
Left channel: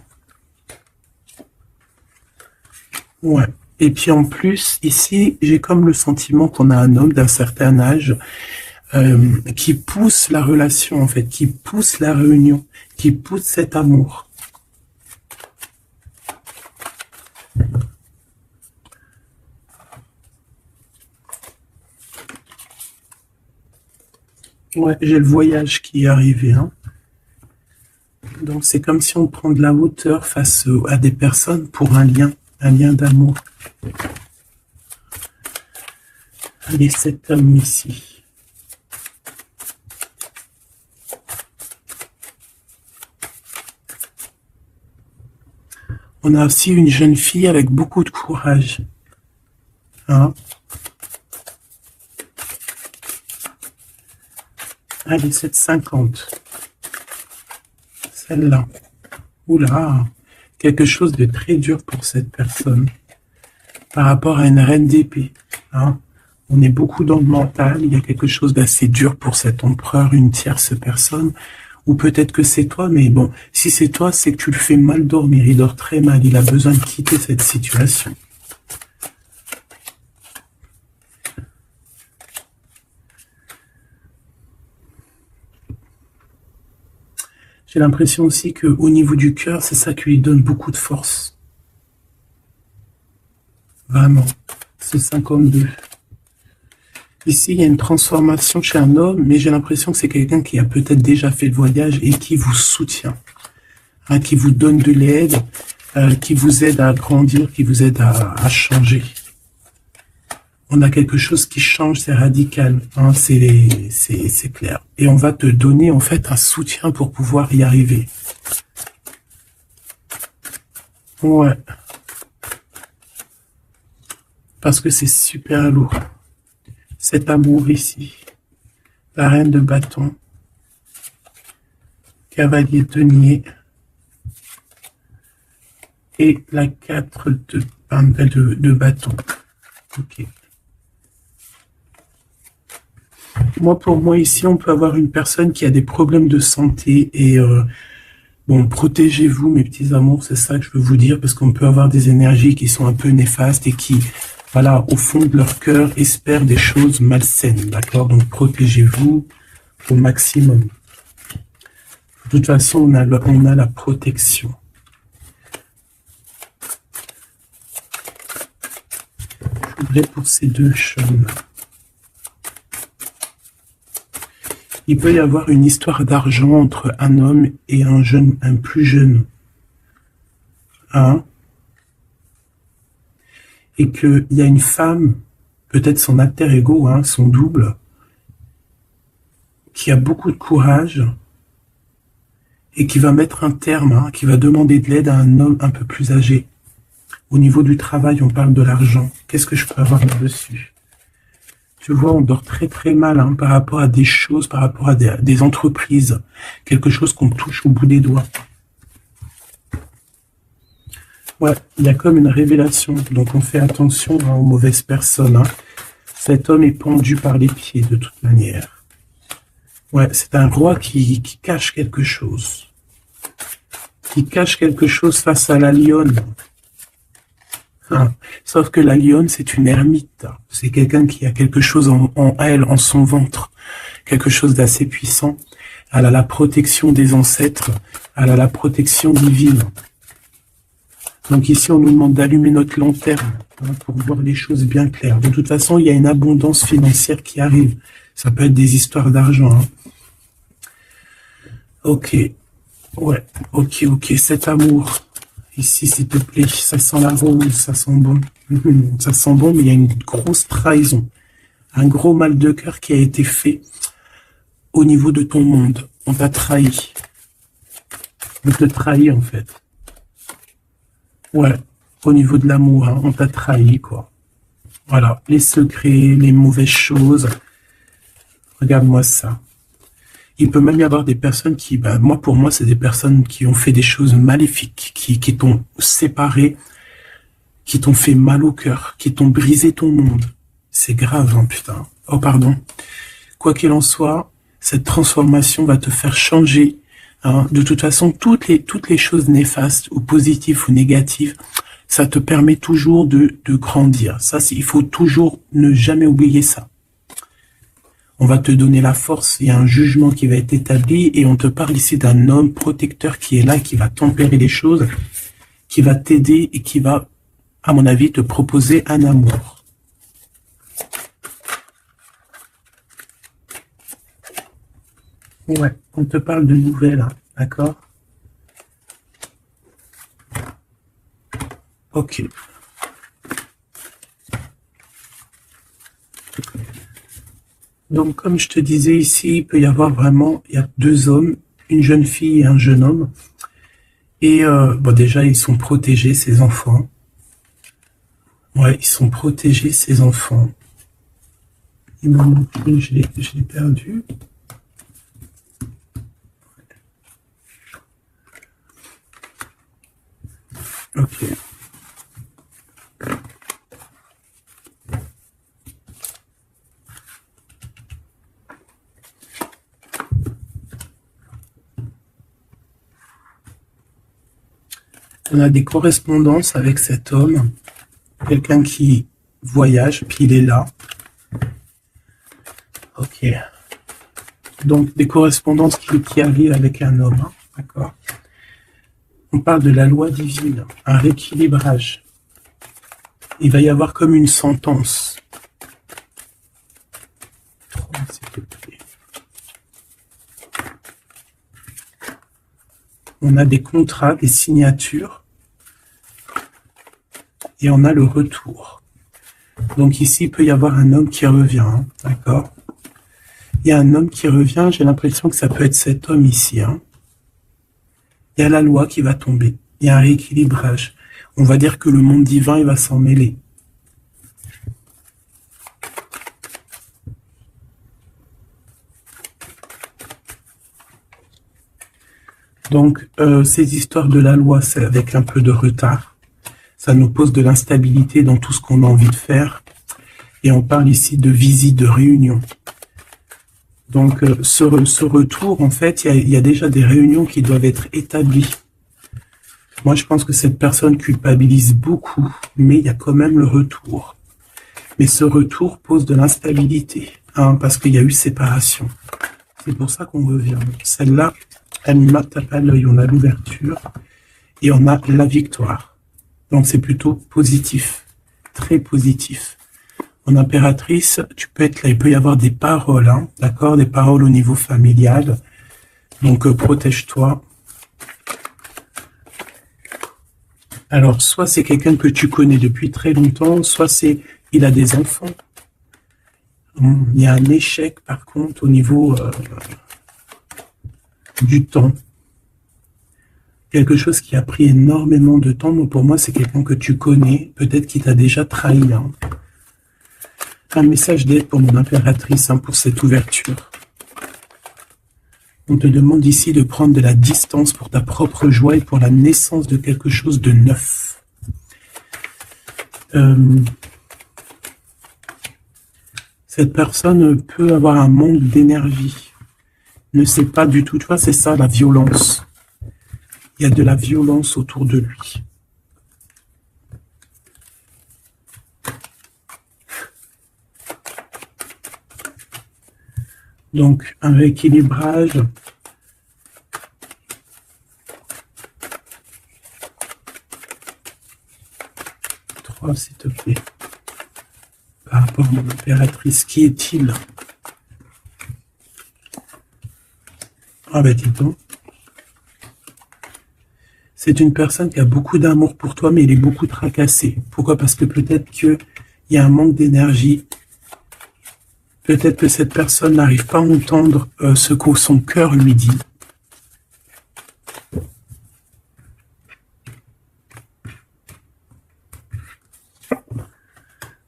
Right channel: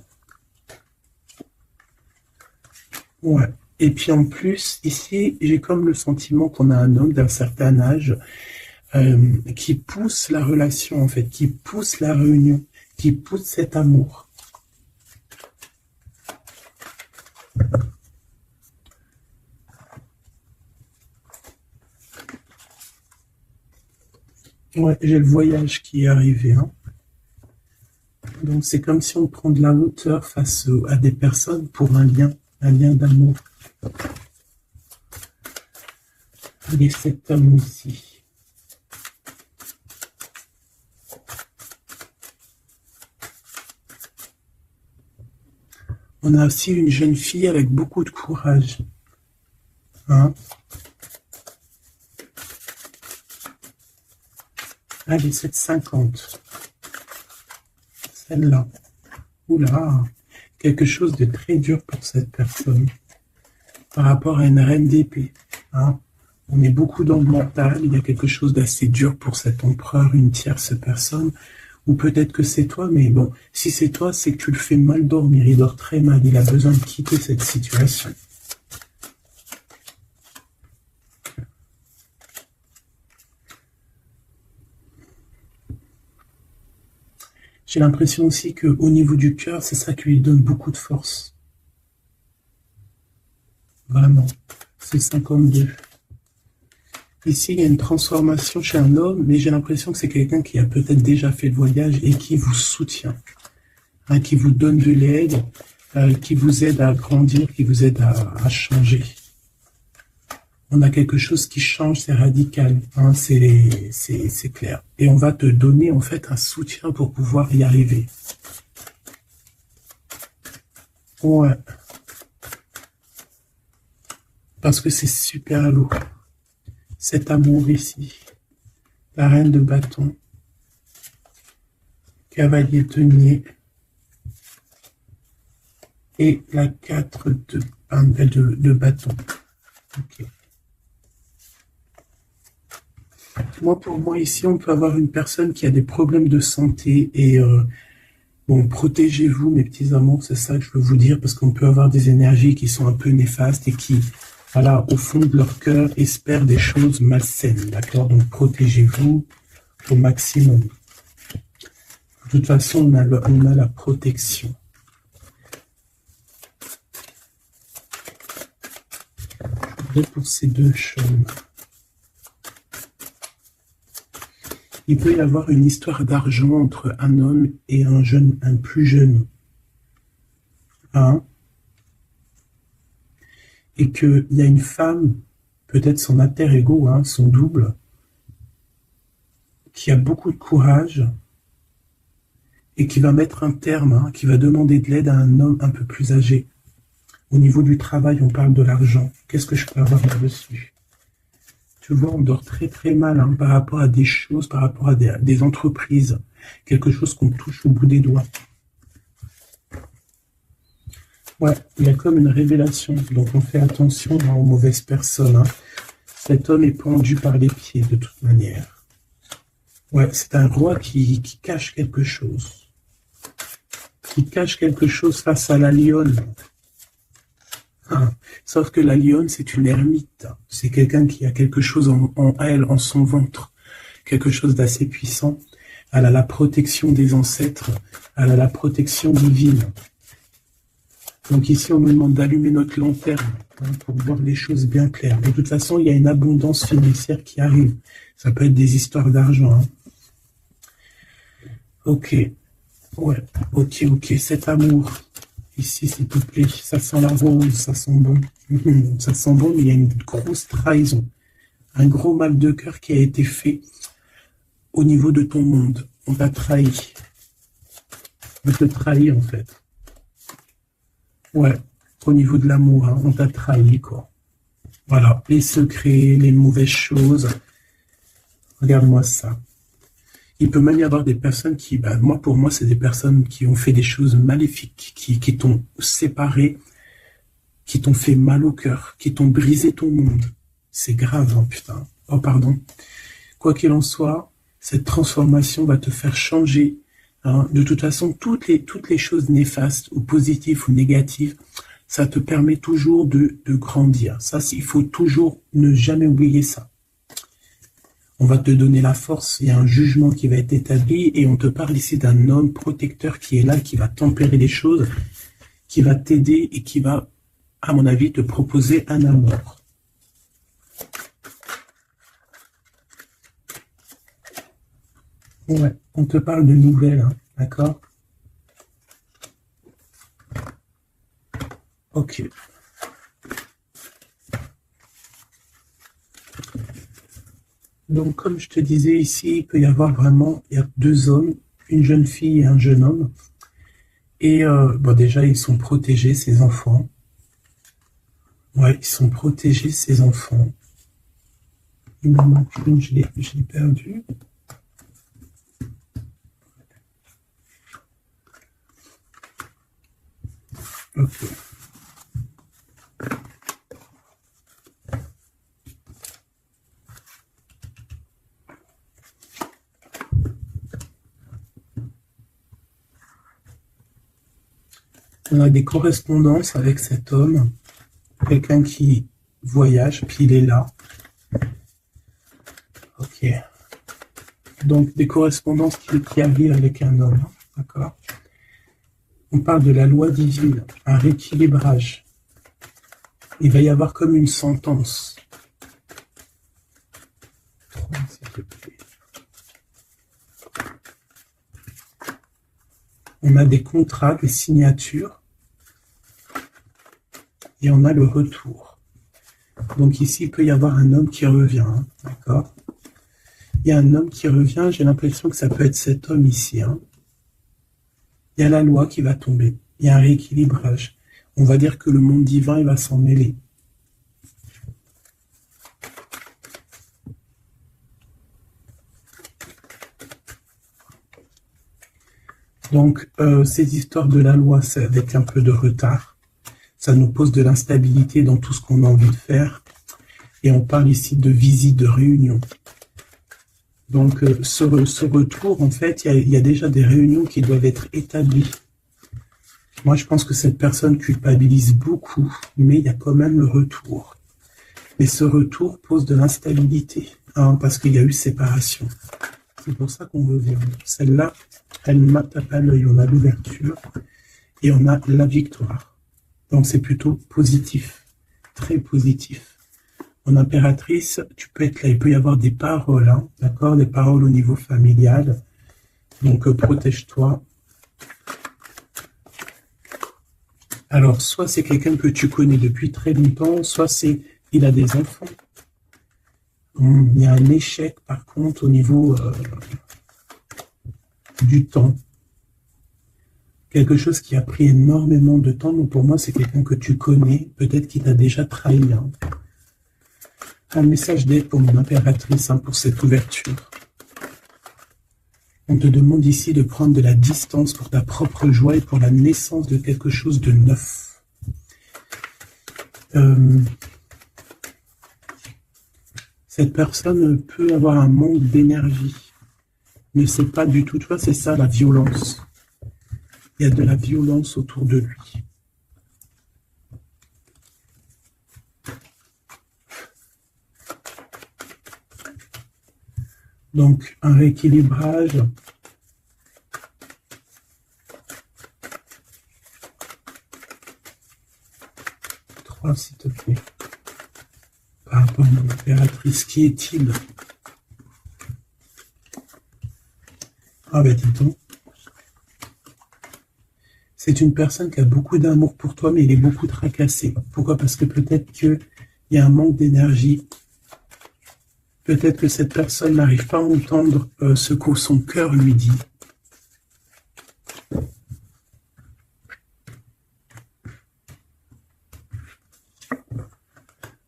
Ouais. Et puis en plus, ici, j'ai comme le sentiment qu'on a un homme d'un certain âge qui pousse la relation, en fait, qui pousse la réunion, qui pousse cet amour. Ouais, j'ai le voyage qui est arrivé. Hein. Donc c'est comme si on prend de la hauteur face à des personnes pour un lien d'amour. Et cet homme ici. On a aussi une jeune fille avec beaucoup de courage. Hein? Allez, 7,50. Celle-là. Oula, quelque chose de très dur pour cette personne. Par rapport à une reine d'épée. Hein? On est beaucoup dans le mental. Il y a quelque chose d'assez dur pour cet empereur, une tierce personne. Ou peut-être que c'est toi, mais bon, si c'est toi, c'est que tu le fais mal dormir. Il dort très mal. Il a besoin de quitter cette situation. J'ai l'impression aussi qu'au niveau du cœur, c'est ça qui lui donne beaucoup de force. Vraiment. C'est 52. Ici, il y a une transformation chez un homme, mais j'ai l'impression que c'est quelqu'un qui a peut-être déjà fait le voyage et qui vous soutient, hein, qui vous donne de l'aide, qui vous aide à grandir, qui vous aide à changer. On a quelque chose qui change, c'est radical, hein, c'est clair. Et on va te donner en fait un soutien pour pouvoir y arriver. Ouais. Parce que c'est super lourd. Cet amour ici, la reine de bâton, cavalier denier et la 4 de bâton. Ok. Moi, pour moi, ici, on peut avoir une personne qui a des problèmes de santé et bon, protégez-vous, mes petits amours, c'est ça que je veux vous dire, parce qu'on peut avoir des énergies qui sont un peu néfastes et qui, voilà, au fond de leur cœur, espèrent des choses malsaines, d'accord? Donc, protégez-vous au maximum. De toute façon, on a la protection. Je voudrais pour ces deux chemins. Il peut y avoir une histoire d'argent entre un homme et un plus jeune. Hein? Et qu'il y a une femme, peut-être son alter ego, hein, son double, qui a beaucoup de courage et qui va mettre un terme, hein, qui va demander de l'aide à un homme un peu plus âgé. Au niveau du travail, on parle de l'argent. Qu'est-ce que je peux avoir là-dessus? Tu vois, on dort très très mal, hein, par rapport à des choses, par rapport à des entreprises. Quelque chose qu'on touche au bout des doigts. Ouais, il y a comme une révélation. Donc on fait attention, hein, aux mauvaises personnes. Hein. Cet homme est pendu par les pieds de toute manière. Ouais, c'est un roi qui cache quelque chose. Qui cache quelque chose face à la lionne. Hein. Sauf que la lionne, c'est une ermite. C'est quelqu'un qui a quelque chose en elle, en son ventre. Quelque chose d'assez puissant. Elle a la protection des ancêtres. Elle a la protection divine. Donc ici, on nous demande d'allumer notre lanterne pour voir les choses bien claires. De toute façon, il y a une abondance financière qui arrive. Ça peut être des histoires d'argent. Hein. Ok. Ouais. Ok. Cet amour. Ici, s'il te plaît. Ça sent la rose. Ça sent bon. Ça sent bon, mais il y a une grosse trahison. Un gros mal de cœur qui a été fait au niveau de ton monde. On t'a trahi. On te trahit, en fait. Ouais, au niveau de l'amour, hein, on t'a trahi, quoi. Voilà, les secrets, les mauvaises choses. Regarde-moi ça. Il peut même y avoir des personnes qui, pour moi, c'est des personnes qui ont fait des choses maléfiques, qui t'ont séparé, qui t'ont fait mal au cœur, qui t'ont brisé ton monde. C'est grave, hein, putain. Oh, pardon. Quoi qu'il en soit, cette transformation va te faire changer. Hein. De toute façon, toutes les choses néfastes ou positives ou négatives, ça te permet toujours de grandir. Ça, il faut toujours ne jamais oublier ça. On va te donner la force, il y a un jugement qui va être établi et on te parle ici d'un homme protecteur qui est là, qui va tempérer les choses, qui va t'aider et qui va, à mon avis, te proposer un amour. Ouais, on te parle de nouvelles, hein, d'accord? Ok. Donc, comme je te disais ici, il peut y avoir vraiment, il y a deux hommes, une jeune fille et un jeune homme. Et déjà, ils sont protégés, ces enfants. Ouais, ils sont protégés, ces enfants. Il m'en manque une, je l'ai perdu. Ok. On a des correspondances avec cet homme, quelqu'un qui voyage, puis il est là. Ok. Donc, des correspondances qui arrivent avec un homme, hein, d'accord? On parle de la loi divine, un rééquilibrage. Il va y avoir comme une sentence. S'il te plaît. On a des contrats, des signatures, et on a le retour. Donc ici, il peut y avoir un homme qui revient, hein, d'accord? Il y a un homme qui revient, j'ai l'impression que ça peut être cet homme ici. Hein. Il y a la loi qui va tomber, il y a un rééquilibrage. On va dire que le monde divin, il va s'en mêler. Donc, ces histoires de la loi, c'est avec un peu de retard. Ça nous pose de l'instabilité dans tout ce qu'on a envie de faire. Et on parle ici de visite, de réunion. Donc, ce retour, en fait, il y a déjà des réunions qui doivent être établies. Moi, je pense que cette personne culpabilise beaucoup, mais il y a quand même le retour. Mais ce retour pose de l'instabilité, hein, parce qu'il y a eu séparation. C'est pour ça qu'on revient. Celle-là, elle me tape à l'œil. On a l'ouverture et on a la victoire. Donc, c'est plutôt positif, très positif. En impératrice, tu peux être là, il peut y avoir des paroles, hein, d'accord, des paroles au niveau familial. Donc, protège-toi. Alors, soit c'est quelqu'un que tu connais depuis très longtemps, soit il a des enfants. Il y a un échec, par contre, au niveau du temps. Quelque chose qui a pris énormément de temps. Donc, pour moi, c'est quelqu'un que tu connais, peut-être qui t'a déjà trahi. Hein. Un message d'aide pour mon impératrice, hein, pour cette ouverture. On te demande ici de prendre de la distance pour ta propre joie et pour la naissance de quelque chose de neuf. Cette personne peut avoir un manque d'énergie. Ne sait pas du tout. Tu vois, c'est ça la violence. Il y a de la violence autour de lui. Donc, un rééquilibrage. Trois, s'il te plaît. Par rapport à mon impératrice, qui est-il? Ah ben dis donc. C'est une personne qui a beaucoup d'amour pour toi, mais elle est beaucoup tracassée. Pourquoi? Parce que peut-être qu'il y a un manque d'énergie. Peut-être que cette personne n'arrive pas à entendre ce que son cœur lui dit.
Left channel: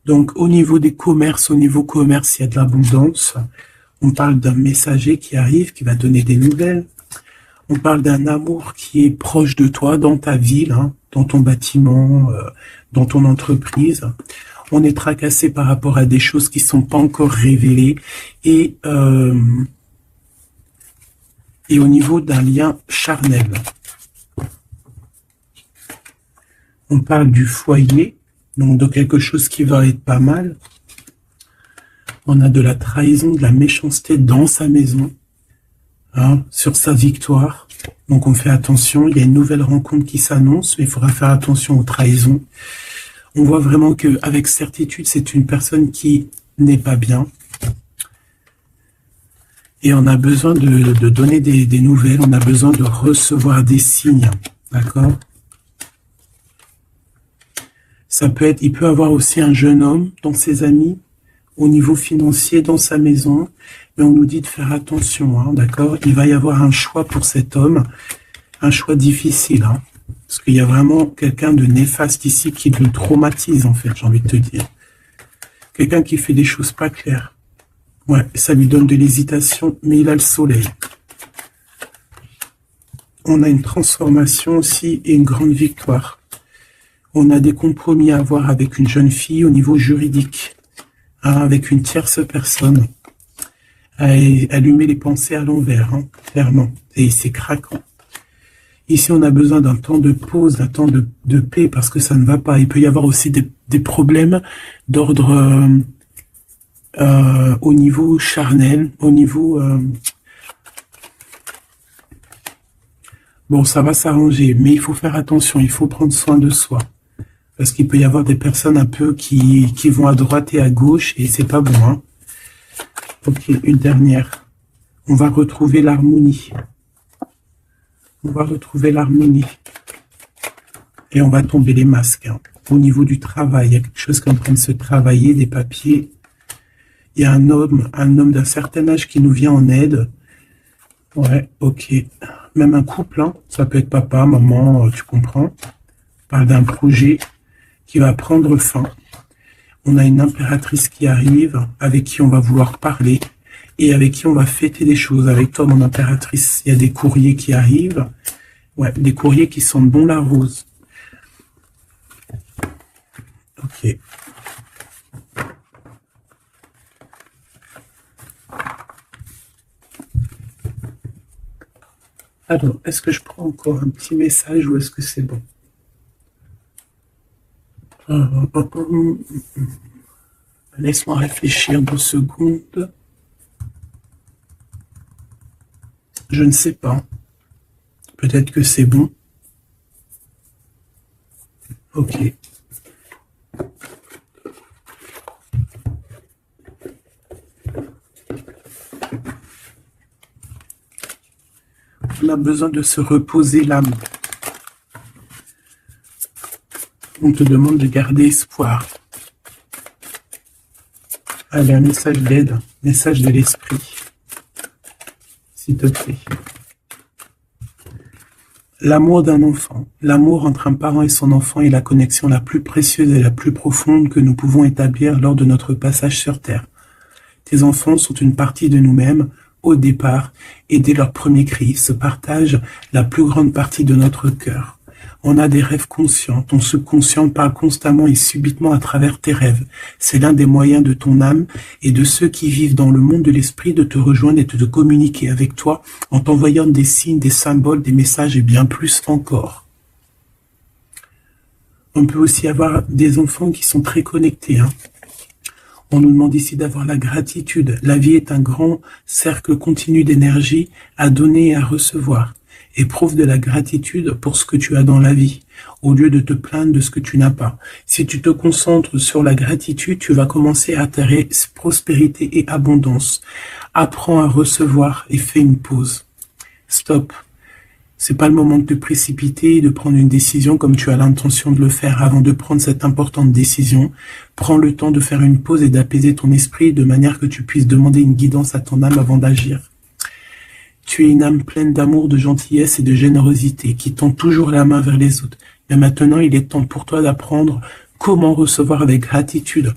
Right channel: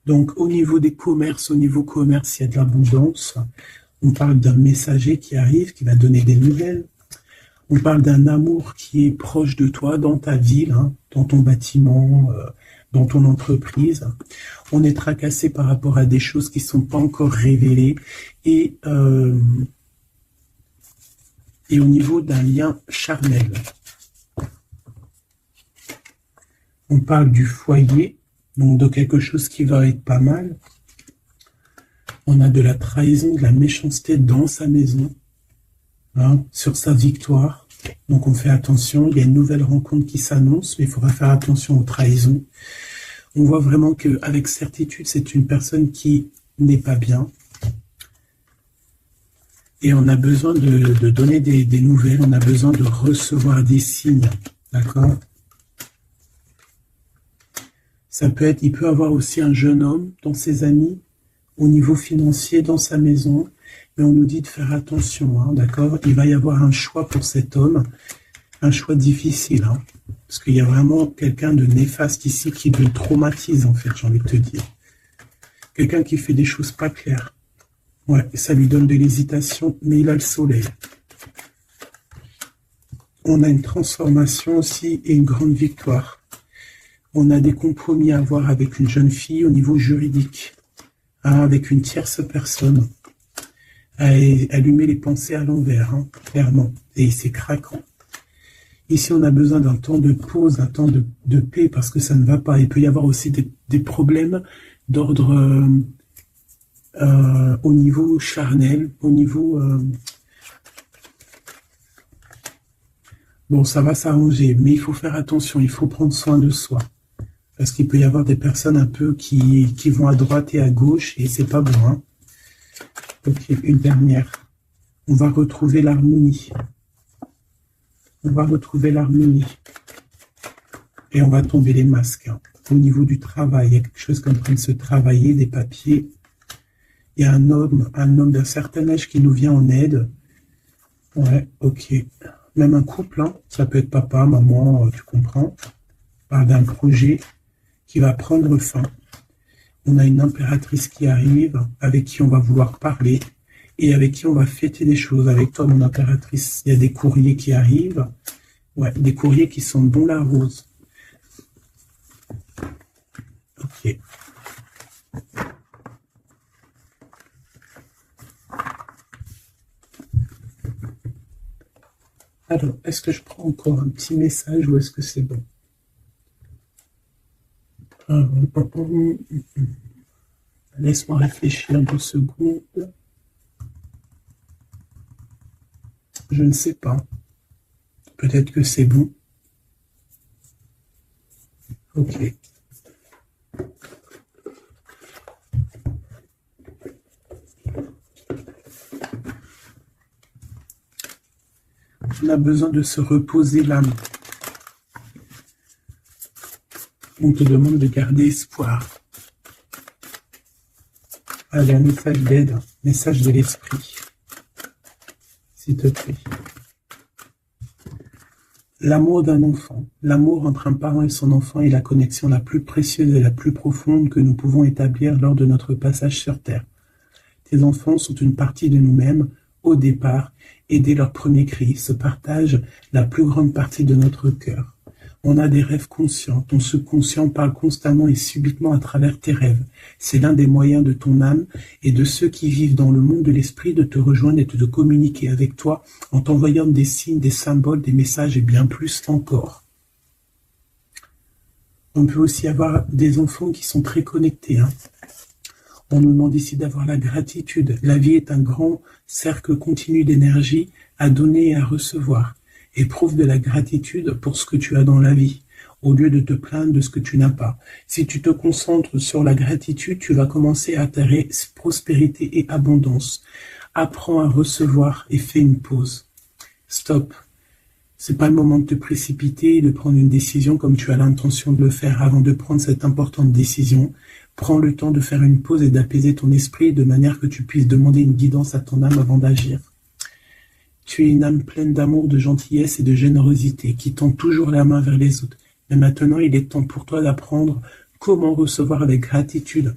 Donc, au niveau des commerces, il y a de l'abondance. On parle d'un messager qui arrive, qui va donner des nouvelles. On parle d'un amour qui est proche de toi, dans ta ville, hein, dans ton bâtiment, dans ton entreprise. On est tracassé par rapport à des choses qui ne sont pas encore révélées. Et au niveau d'un lien charnel. On parle du foyer, donc de quelque chose qui va être pas mal. On a de la trahison, de la méchanceté dans sa maison, hein, sur sa victoire. Donc on fait attention, il y a une nouvelle rencontre qui s'annonce, mais il faudra faire attention aux trahisons. On voit vraiment qu'avec certitude, c'est une personne qui n'est pas bien. Et on a besoin de donner des nouvelles, on a besoin de recevoir des signes, d'accord? Ça peut être, il peut avoir aussi un jeune homme dans ses amis, au niveau financier, dans sa maison, mais on nous dit de faire attention, hein, d'accord? Il va y avoir un choix pour cet homme, un choix difficile, hein, parce qu'il y a vraiment quelqu'un de néfaste ici qui le traumatise, en fait, j'ai envie de te dire. Quelqu'un qui fait des choses pas claires. Ouais, ça lui donne de l'hésitation, mais il a le soleil. On a une transformation aussi et une grande victoire. On a des compromis à avoir avec une jeune fille au niveau juridique, hein, avec une tierce personne. Elle lui met les pensées à l'envers, hein, clairement, et c'est craquant. Ici, on a besoin d'un temps de pause, d'un temps de paix, parce que ça ne va pas. Il peut y avoir aussi des problèmes d'ordre au niveau charnel, au niveau... Bon, ça va s'arranger, mais il faut faire attention, il faut prendre soin de soi. Parce qu'il peut y avoir des personnes un peu qui vont à droite et à gauche, et c'est pas bon, hein. Ok, une dernière. On va retrouver l'harmonie. On va retrouver l'harmonie. Et on va tomber les masques, hein. Au niveau du travail, il y a quelque chose qui est en train de se travailler, des papiers. Il y a un homme d'un certain âge qui nous vient en aide. Ouais, ok. Même un couple, hein. Ça peut être papa, maman, tu comprends. On parle d'un projet qui va prendre fin. On a une impératrice qui arrive, avec qui on va vouloir parler, et avec qui on va fêter des choses. Avec toi, mon impératrice, il y a des courriers qui arrivent. Ouais, des courriers qui sentent bon la rose. Ok. Alors, est-ce que je prends encore un petit message ou est-ce que c'est bon? Laisse-moi réfléchir 2 secondes. Je ne sais pas. Peut-être que c'est bon. Ok. On a besoin de se reposer l'âme. On te demande de garder espoir. Allez, un message d'aide, message de l'esprit. S'il te plaît. L'amour d'un enfant, l'amour entre un parent et son enfant est la connexion la plus précieuse et la plus profonde que nous pouvons établir lors de notre passage sur Terre. Tes enfants sont une partie de nous-mêmes au départ et dès leur premier cri, ils se partagent la plus grande partie de notre cœur. On a des rêves conscients. Ton subconscient parle constamment et subitement à travers tes rêves. C'est l'un des moyens de ton âme et de ceux qui vivent dans le monde de l'esprit de te rejoindre et de te communiquer avec toi en t'envoyant des signes, des symboles, des messages et bien plus encore. On peut aussi avoir des enfants qui sont très connectés. On nous demande ici d'avoir la gratitude. La vie est un grand cercle continu d'énergie à donner et à recevoir. Éprouve de la gratitude pour ce que tu as dans la vie, au lieu de te plaindre de ce que tu n'as pas. Si tu te concentres sur la gratitude, tu vas commencer à attirer prospérité et abondance. Apprends à recevoir et fais une pause. Stop. C'est pas le moment de te précipiter et de prendre une décision comme tu as l'intention de le faire. Avant de prendre cette importante décision, prends le temps de faire une pause et d'apaiser ton esprit de manière que tu puisses demander une guidance à ton âme avant d'agir. Tu es une âme pleine d'amour, de gentillesse et de générosité qui tend toujours la main vers les autres. Mais maintenant, il est temps pour toi d'apprendre comment recevoir avec gratitude.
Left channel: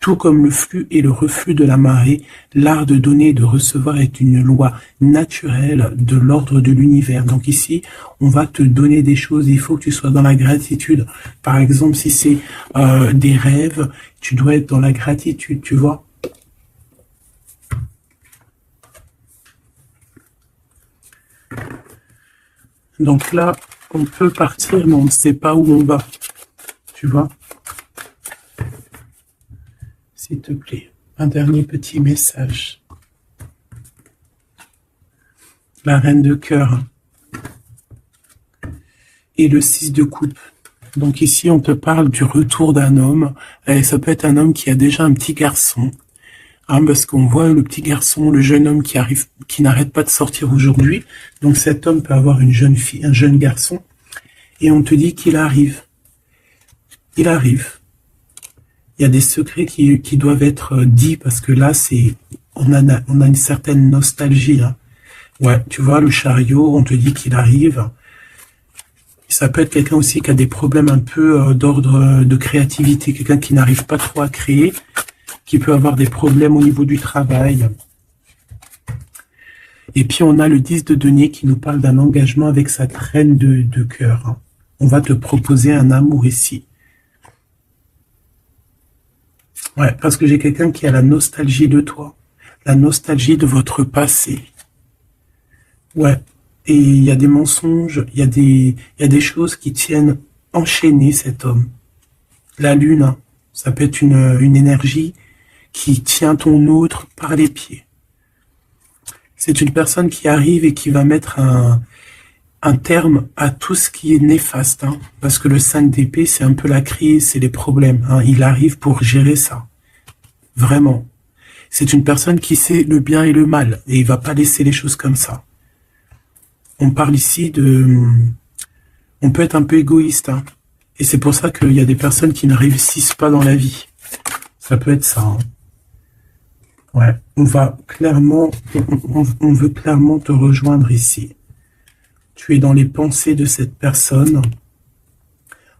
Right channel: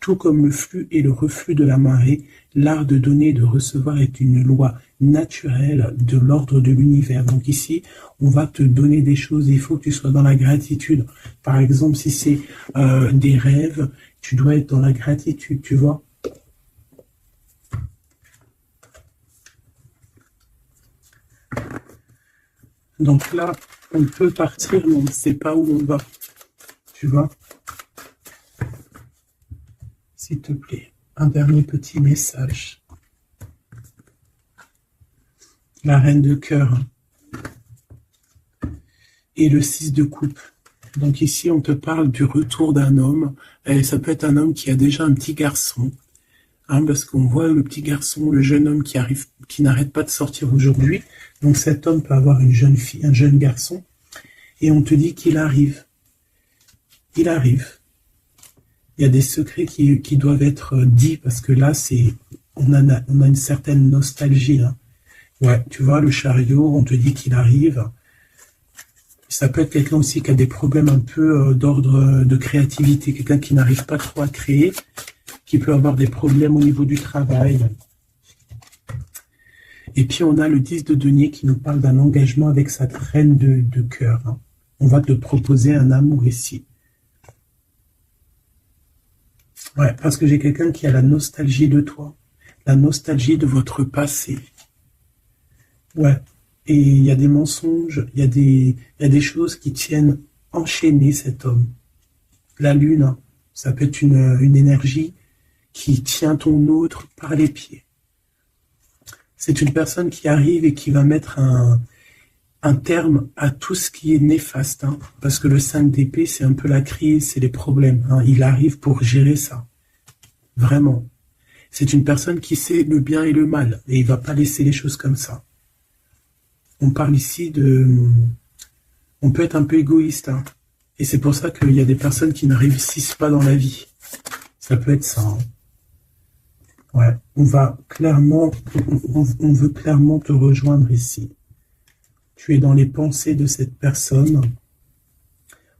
Tout comme le flux et le reflux de la marée, l'art de donner et de recevoir est une loi naturelle de l'ordre de l'univers. Donc ici, on va te donner des choses, il faut que tu sois dans la gratitude. Par exemple, si c'est des rêves, tu dois être dans la gratitude, tu vois. Donc là, on peut partir, mais on ne sait pas où on va, tu vois. S'il te plaît, un dernier petit message. La reine de cœur et le 6 de coupe. Donc ici, on te parle du retour d'un homme. Et ça peut être un homme qui a déjà un petit garçon. Parce qu'on voit le petit garçon, le jeune homme qui n'arrête pas de sortir aujourd'hui. Donc cet homme peut avoir une jeune fille, un jeune garçon. Et on te dit qu'il arrive. Il arrive. Il y a des secrets qui doivent être dits parce que là, on a une certaine nostalgie. Ouais, tu vois, le chariot, on te dit qu'il arrive. Ça peut être quelqu'un aussi qui a des problèmes un peu d'ordre de créativité, quelqu'un qui n'arrive pas trop à créer, qui peut avoir des problèmes au niveau du travail. Et puis on a le 10 de denier qui nous parle d'un engagement avec sa reine de cœur. On va te proposer un amour ici. Ouais, parce que j'ai quelqu'un qui a la nostalgie de toi, la nostalgie de votre passé. Ouais, et il y a des mensonges, il y a des choses qui tiennent enchaîner cet homme. La lune, ça peut être une énergie qui tient ton outre par les pieds. C'est une personne qui arrive et qui va mettre un terme à tout ce qui est néfaste, parce que le 5 d'épée, c'est un peu la crise, c'est les problèmes. Il arrive pour gérer ça. Vraiment. C'est une personne qui sait le bien et le mal, et il va pas laisser les choses comme ça. On parle ici on peut être un peu égoïste, et c'est pour ça qu'il y a des personnes qui ne réussissent pas dans la vie. Ça peut être ça. Ouais, on veut clairement te rejoindre ici. Tu es dans les pensées de cette personne.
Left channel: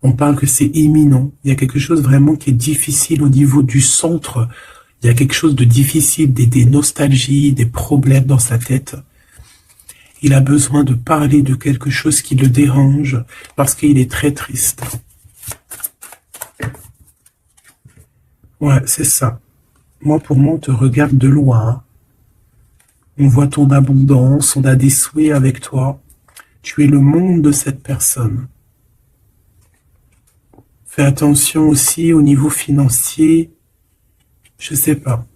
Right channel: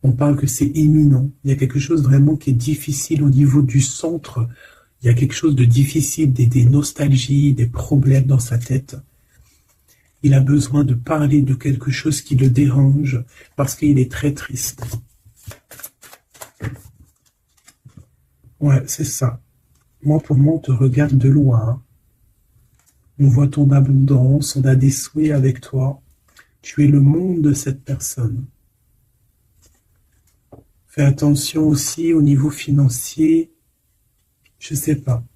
On parle que c'est imminent. Il y a quelque chose vraiment qui est difficile au niveau du centre. Il y a quelque chose de difficile, des nostalgies, des problèmes dans sa tête. Il a besoin de parler de quelque chose qui le dérange parce qu'il est très triste. Ouais, c'est ça. Moi, pour moi, on te regarde de loin. On voit ton abondance, on a des souhaits avec toi. Tu es le monde de cette personne. Fais attention aussi au niveau financier. Je sais pas.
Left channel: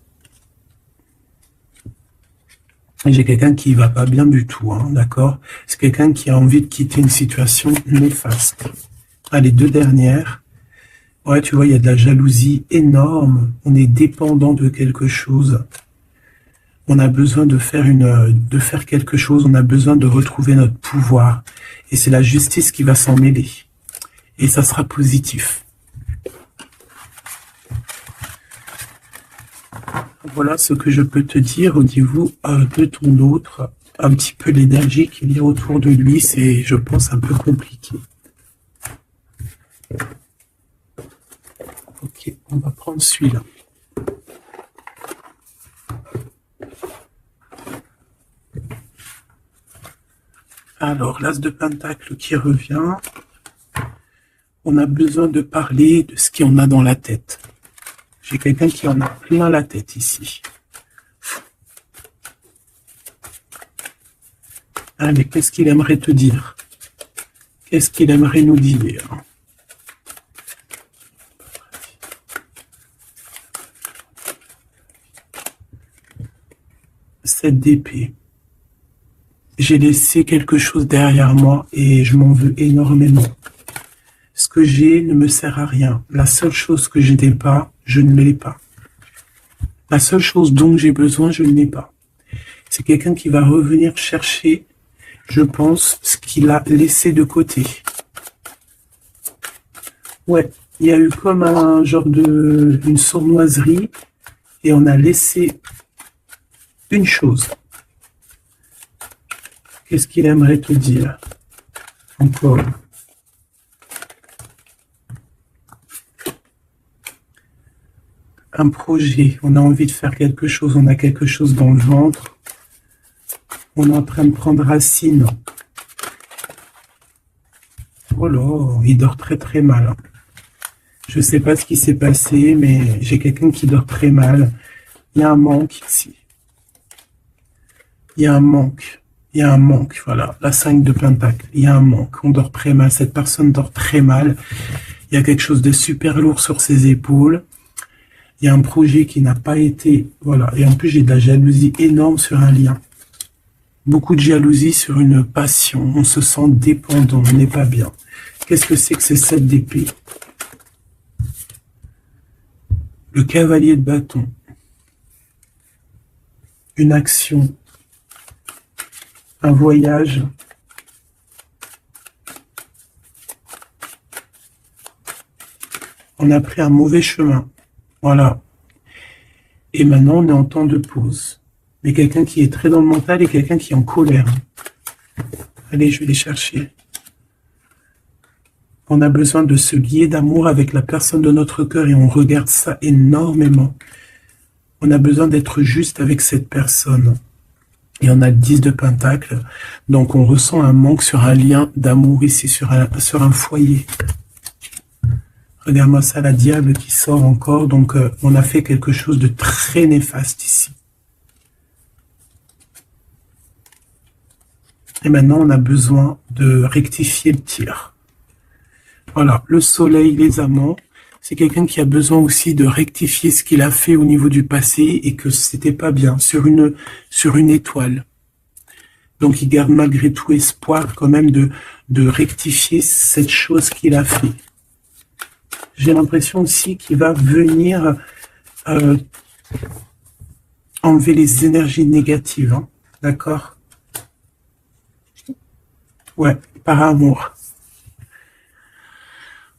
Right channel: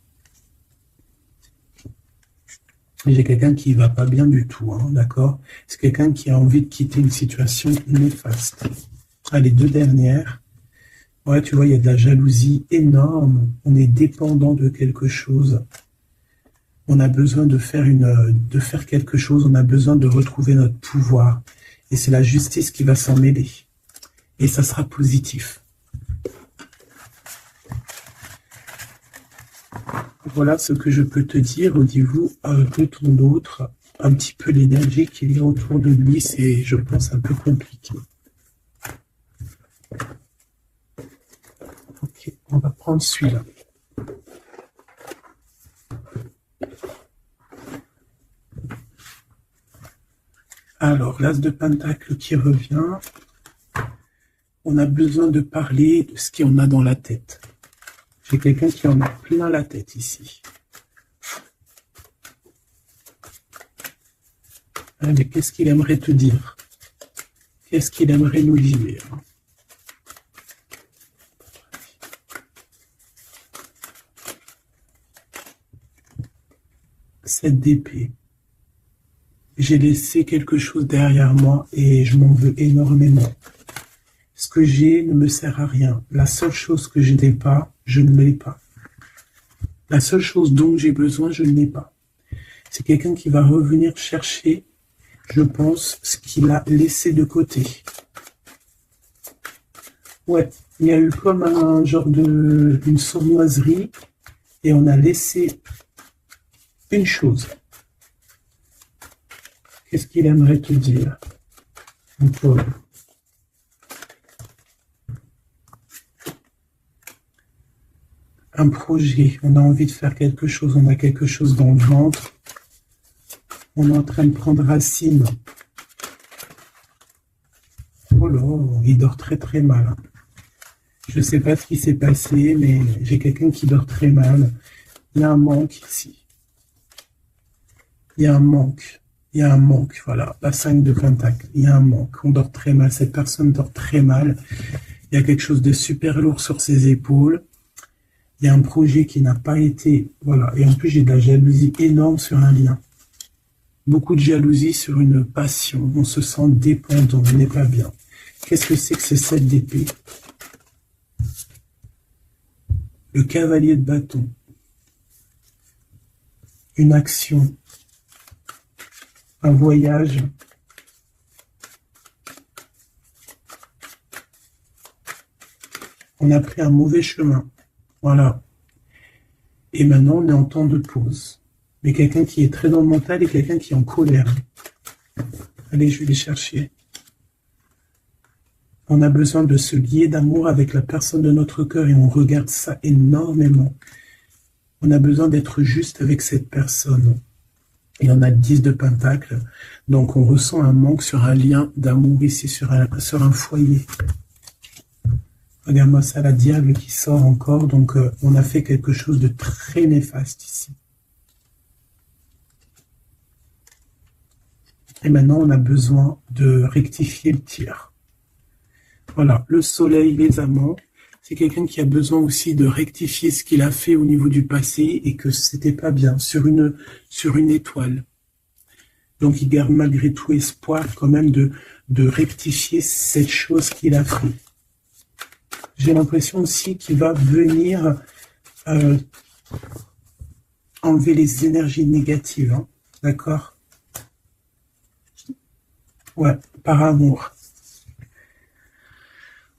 J'ai quelqu'un qui va pas bien du tout, d'accord? C'est quelqu'un qui a envie de quitter une situation néfaste. Les deux dernières. Ouais, tu vois, il y a de la jalousie énorme. On est dépendant de quelque chose. On a besoin de faire quelque chose. On a besoin de retrouver notre pouvoir. Et c'est la justice qui va s'en mêler. Et ça sera positif. Voilà ce que je peux te dire au niveau de ton autre. Un petit peu l'énergie qu'il y a autour de lui, c'est, je pense, un peu compliqué. Ok, on va prendre celui-là. Alors, l'as de pentacle qui revient. On a besoin de parler de ce qu'il y en a dans la tête. J'ai quelqu'un qui en a plein la tête ici. Allez, qu'est-ce qu'il aimerait te dire? Qu'est-ce qu'il aimerait nous dire? Cette d'épée. J'ai laissé quelque chose derrière moi et je m'en veux énormément. Ce que j'ai ne me sert à rien. La seule chose que je n'ai pas, je ne l'ai pas. La seule chose dont j'ai besoin, je ne l'ai pas. C'est quelqu'un qui va revenir chercher, je pense, ce qu'il a laissé de côté. Ouais, il y a eu comme un genre une sournoiserie et on a laissé une chose. Qu'est-ce qu'il aimerait te dire? Encore. Un projet, on a envie de faire quelque chose, on a quelque chose dans le ventre. On est en train de prendre racine. Oh là, il dort très très mal. Je ne sais pas ce qui s'est passé, mais j'ai quelqu'un qui dort très mal. Il y a un manque ici. Il y a un manque. Il y a un manque, voilà, la 5 de Pentacle. Il y a un manque, on dort très mal, cette personne dort très mal. Il y a quelque chose de super lourd sur ses épaules. Il y a un projet qui n'a pas été, voilà. Et en plus, j'ai de la jalousie énorme sur un lien. Beaucoup de jalousie sur une passion. On se sent dépendant, on n'est pas bien. Qu'est-ce que c'est que ces 7 d'épée? Le cavalier de bâton. Une action. Un voyage. On a pris un mauvais chemin. Voilà. Et maintenant, on est en temps de pause. Mais quelqu'un qui est très dans le mental et quelqu'un qui est en colère. Allez, je vais les chercher. On a besoin de se lier d'amour avec la personne de notre cœur et on regarde ça énormément. On a besoin d'être juste avec cette personne. Et on a le 10 de Pentacle. Donc on ressent un manque sur un lien d'amour ici, sur un foyer. Regarde-moi ça, la diable qui sort encore. Donc on a fait quelque chose de très néfaste ici. Et maintenant on a besoin de rectifier le tir. Voilà, le soleil, les amants. C'est quelqu'un qui a besoin aussi de rectifier ce qu'il a fait au niveau du passé et que c'était pas bien, sur une étoile. Donc il garde malgré tout espoir quand même de rectifier cette chose qu'il a fait. J'ai l'impression aussi qu'il va venir enlever les énergies négatives, hein, d'accord? Ouais, par amour.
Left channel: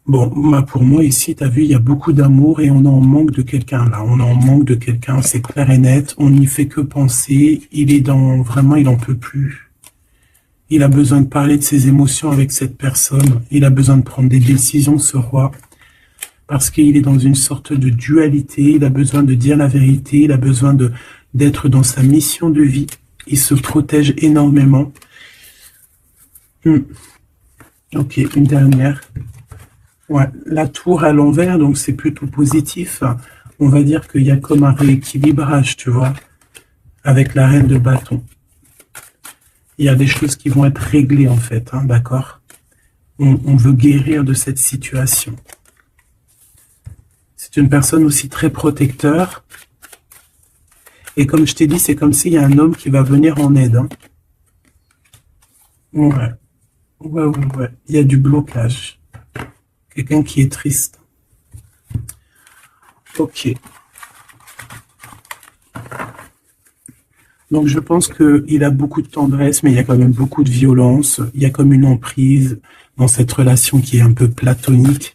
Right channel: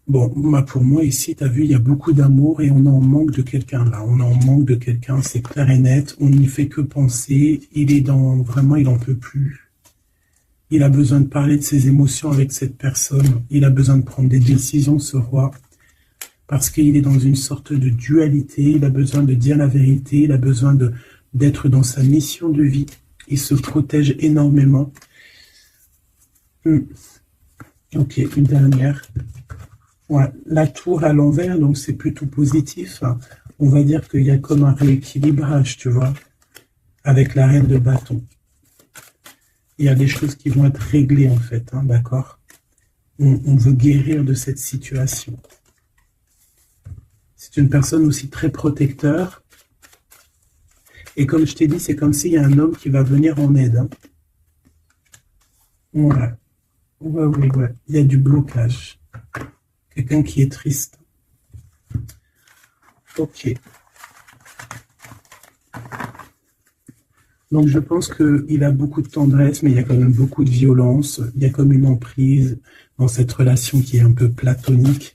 Bon, bah pour moi ici, tu as vu, il y a beaucoup d'amour et on est en manque de quelqu'un là. On est en manque de quelqu'un, c'est clair et net. On n'y fait que penser. Il est vraiment, il n'en peut plus. Il a besoin de parler de ses émotions avec cette personne. Il a besoin de prendre des décisions, ce roi. Parce qu'il est dans une sorte de dualité. Il a besoin de dire la vérité. Il a besoin d'être dans sa mission de vie. Il se protège énormément. Ok, une dernière. Ouais, la tour à l'envers, donc c'est plutôt positif. On va dire qu'il y a comme un rééquilibrage, tu vois, avec la reine de bâton. Il y a des choses qui vont être réglées, en fait, hein, d'accord? On veut guérir de cette situation. C'est une personne aussi très protecteur. Et comme je t'ai dit, c'est comme s'il y a un homme qui va venir en aide. Hein. Ouais. Ouais. Il y a du blocage. Quelqu'un qui est triste. Ok. Donc je pense qu'il a beaucoup de tendresse, mais il y a quand même beaucoup de violence. Il y a comme une emprise dans cette relation qui est un peu platonique.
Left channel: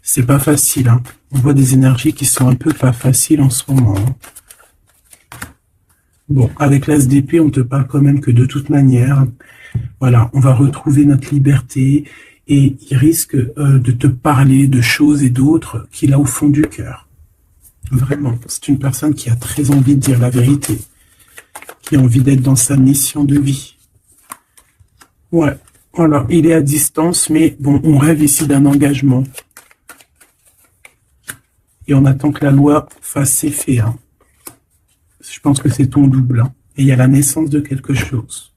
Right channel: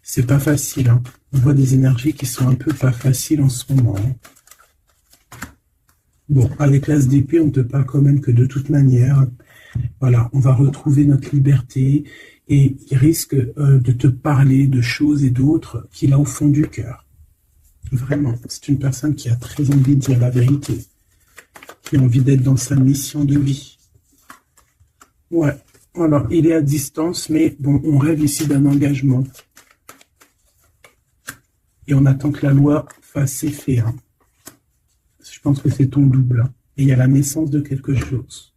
C'est pas facile. Hein. On voit des énergies qui sont un peu pas faciles en ce moment. Hein. Bon, avec l'As d'épée, on te parle quand même que de toute manière, voilà, on va retrouver notre liberté. Et il risque de te parler de choses et d'autres qu'il a au fond du cœur. Vraiment, c'est une personne qui a très envie de dire la vérité, qui a envie d'être dans sa mission de vie. Ouais, Alors, il est à distance, mais bon, on rêve ici d'un engagement. Et on attend que la loi fasse ses faits, hein. Je pense que c'est ton double, hein. Et il y a la naissance de quelque chose.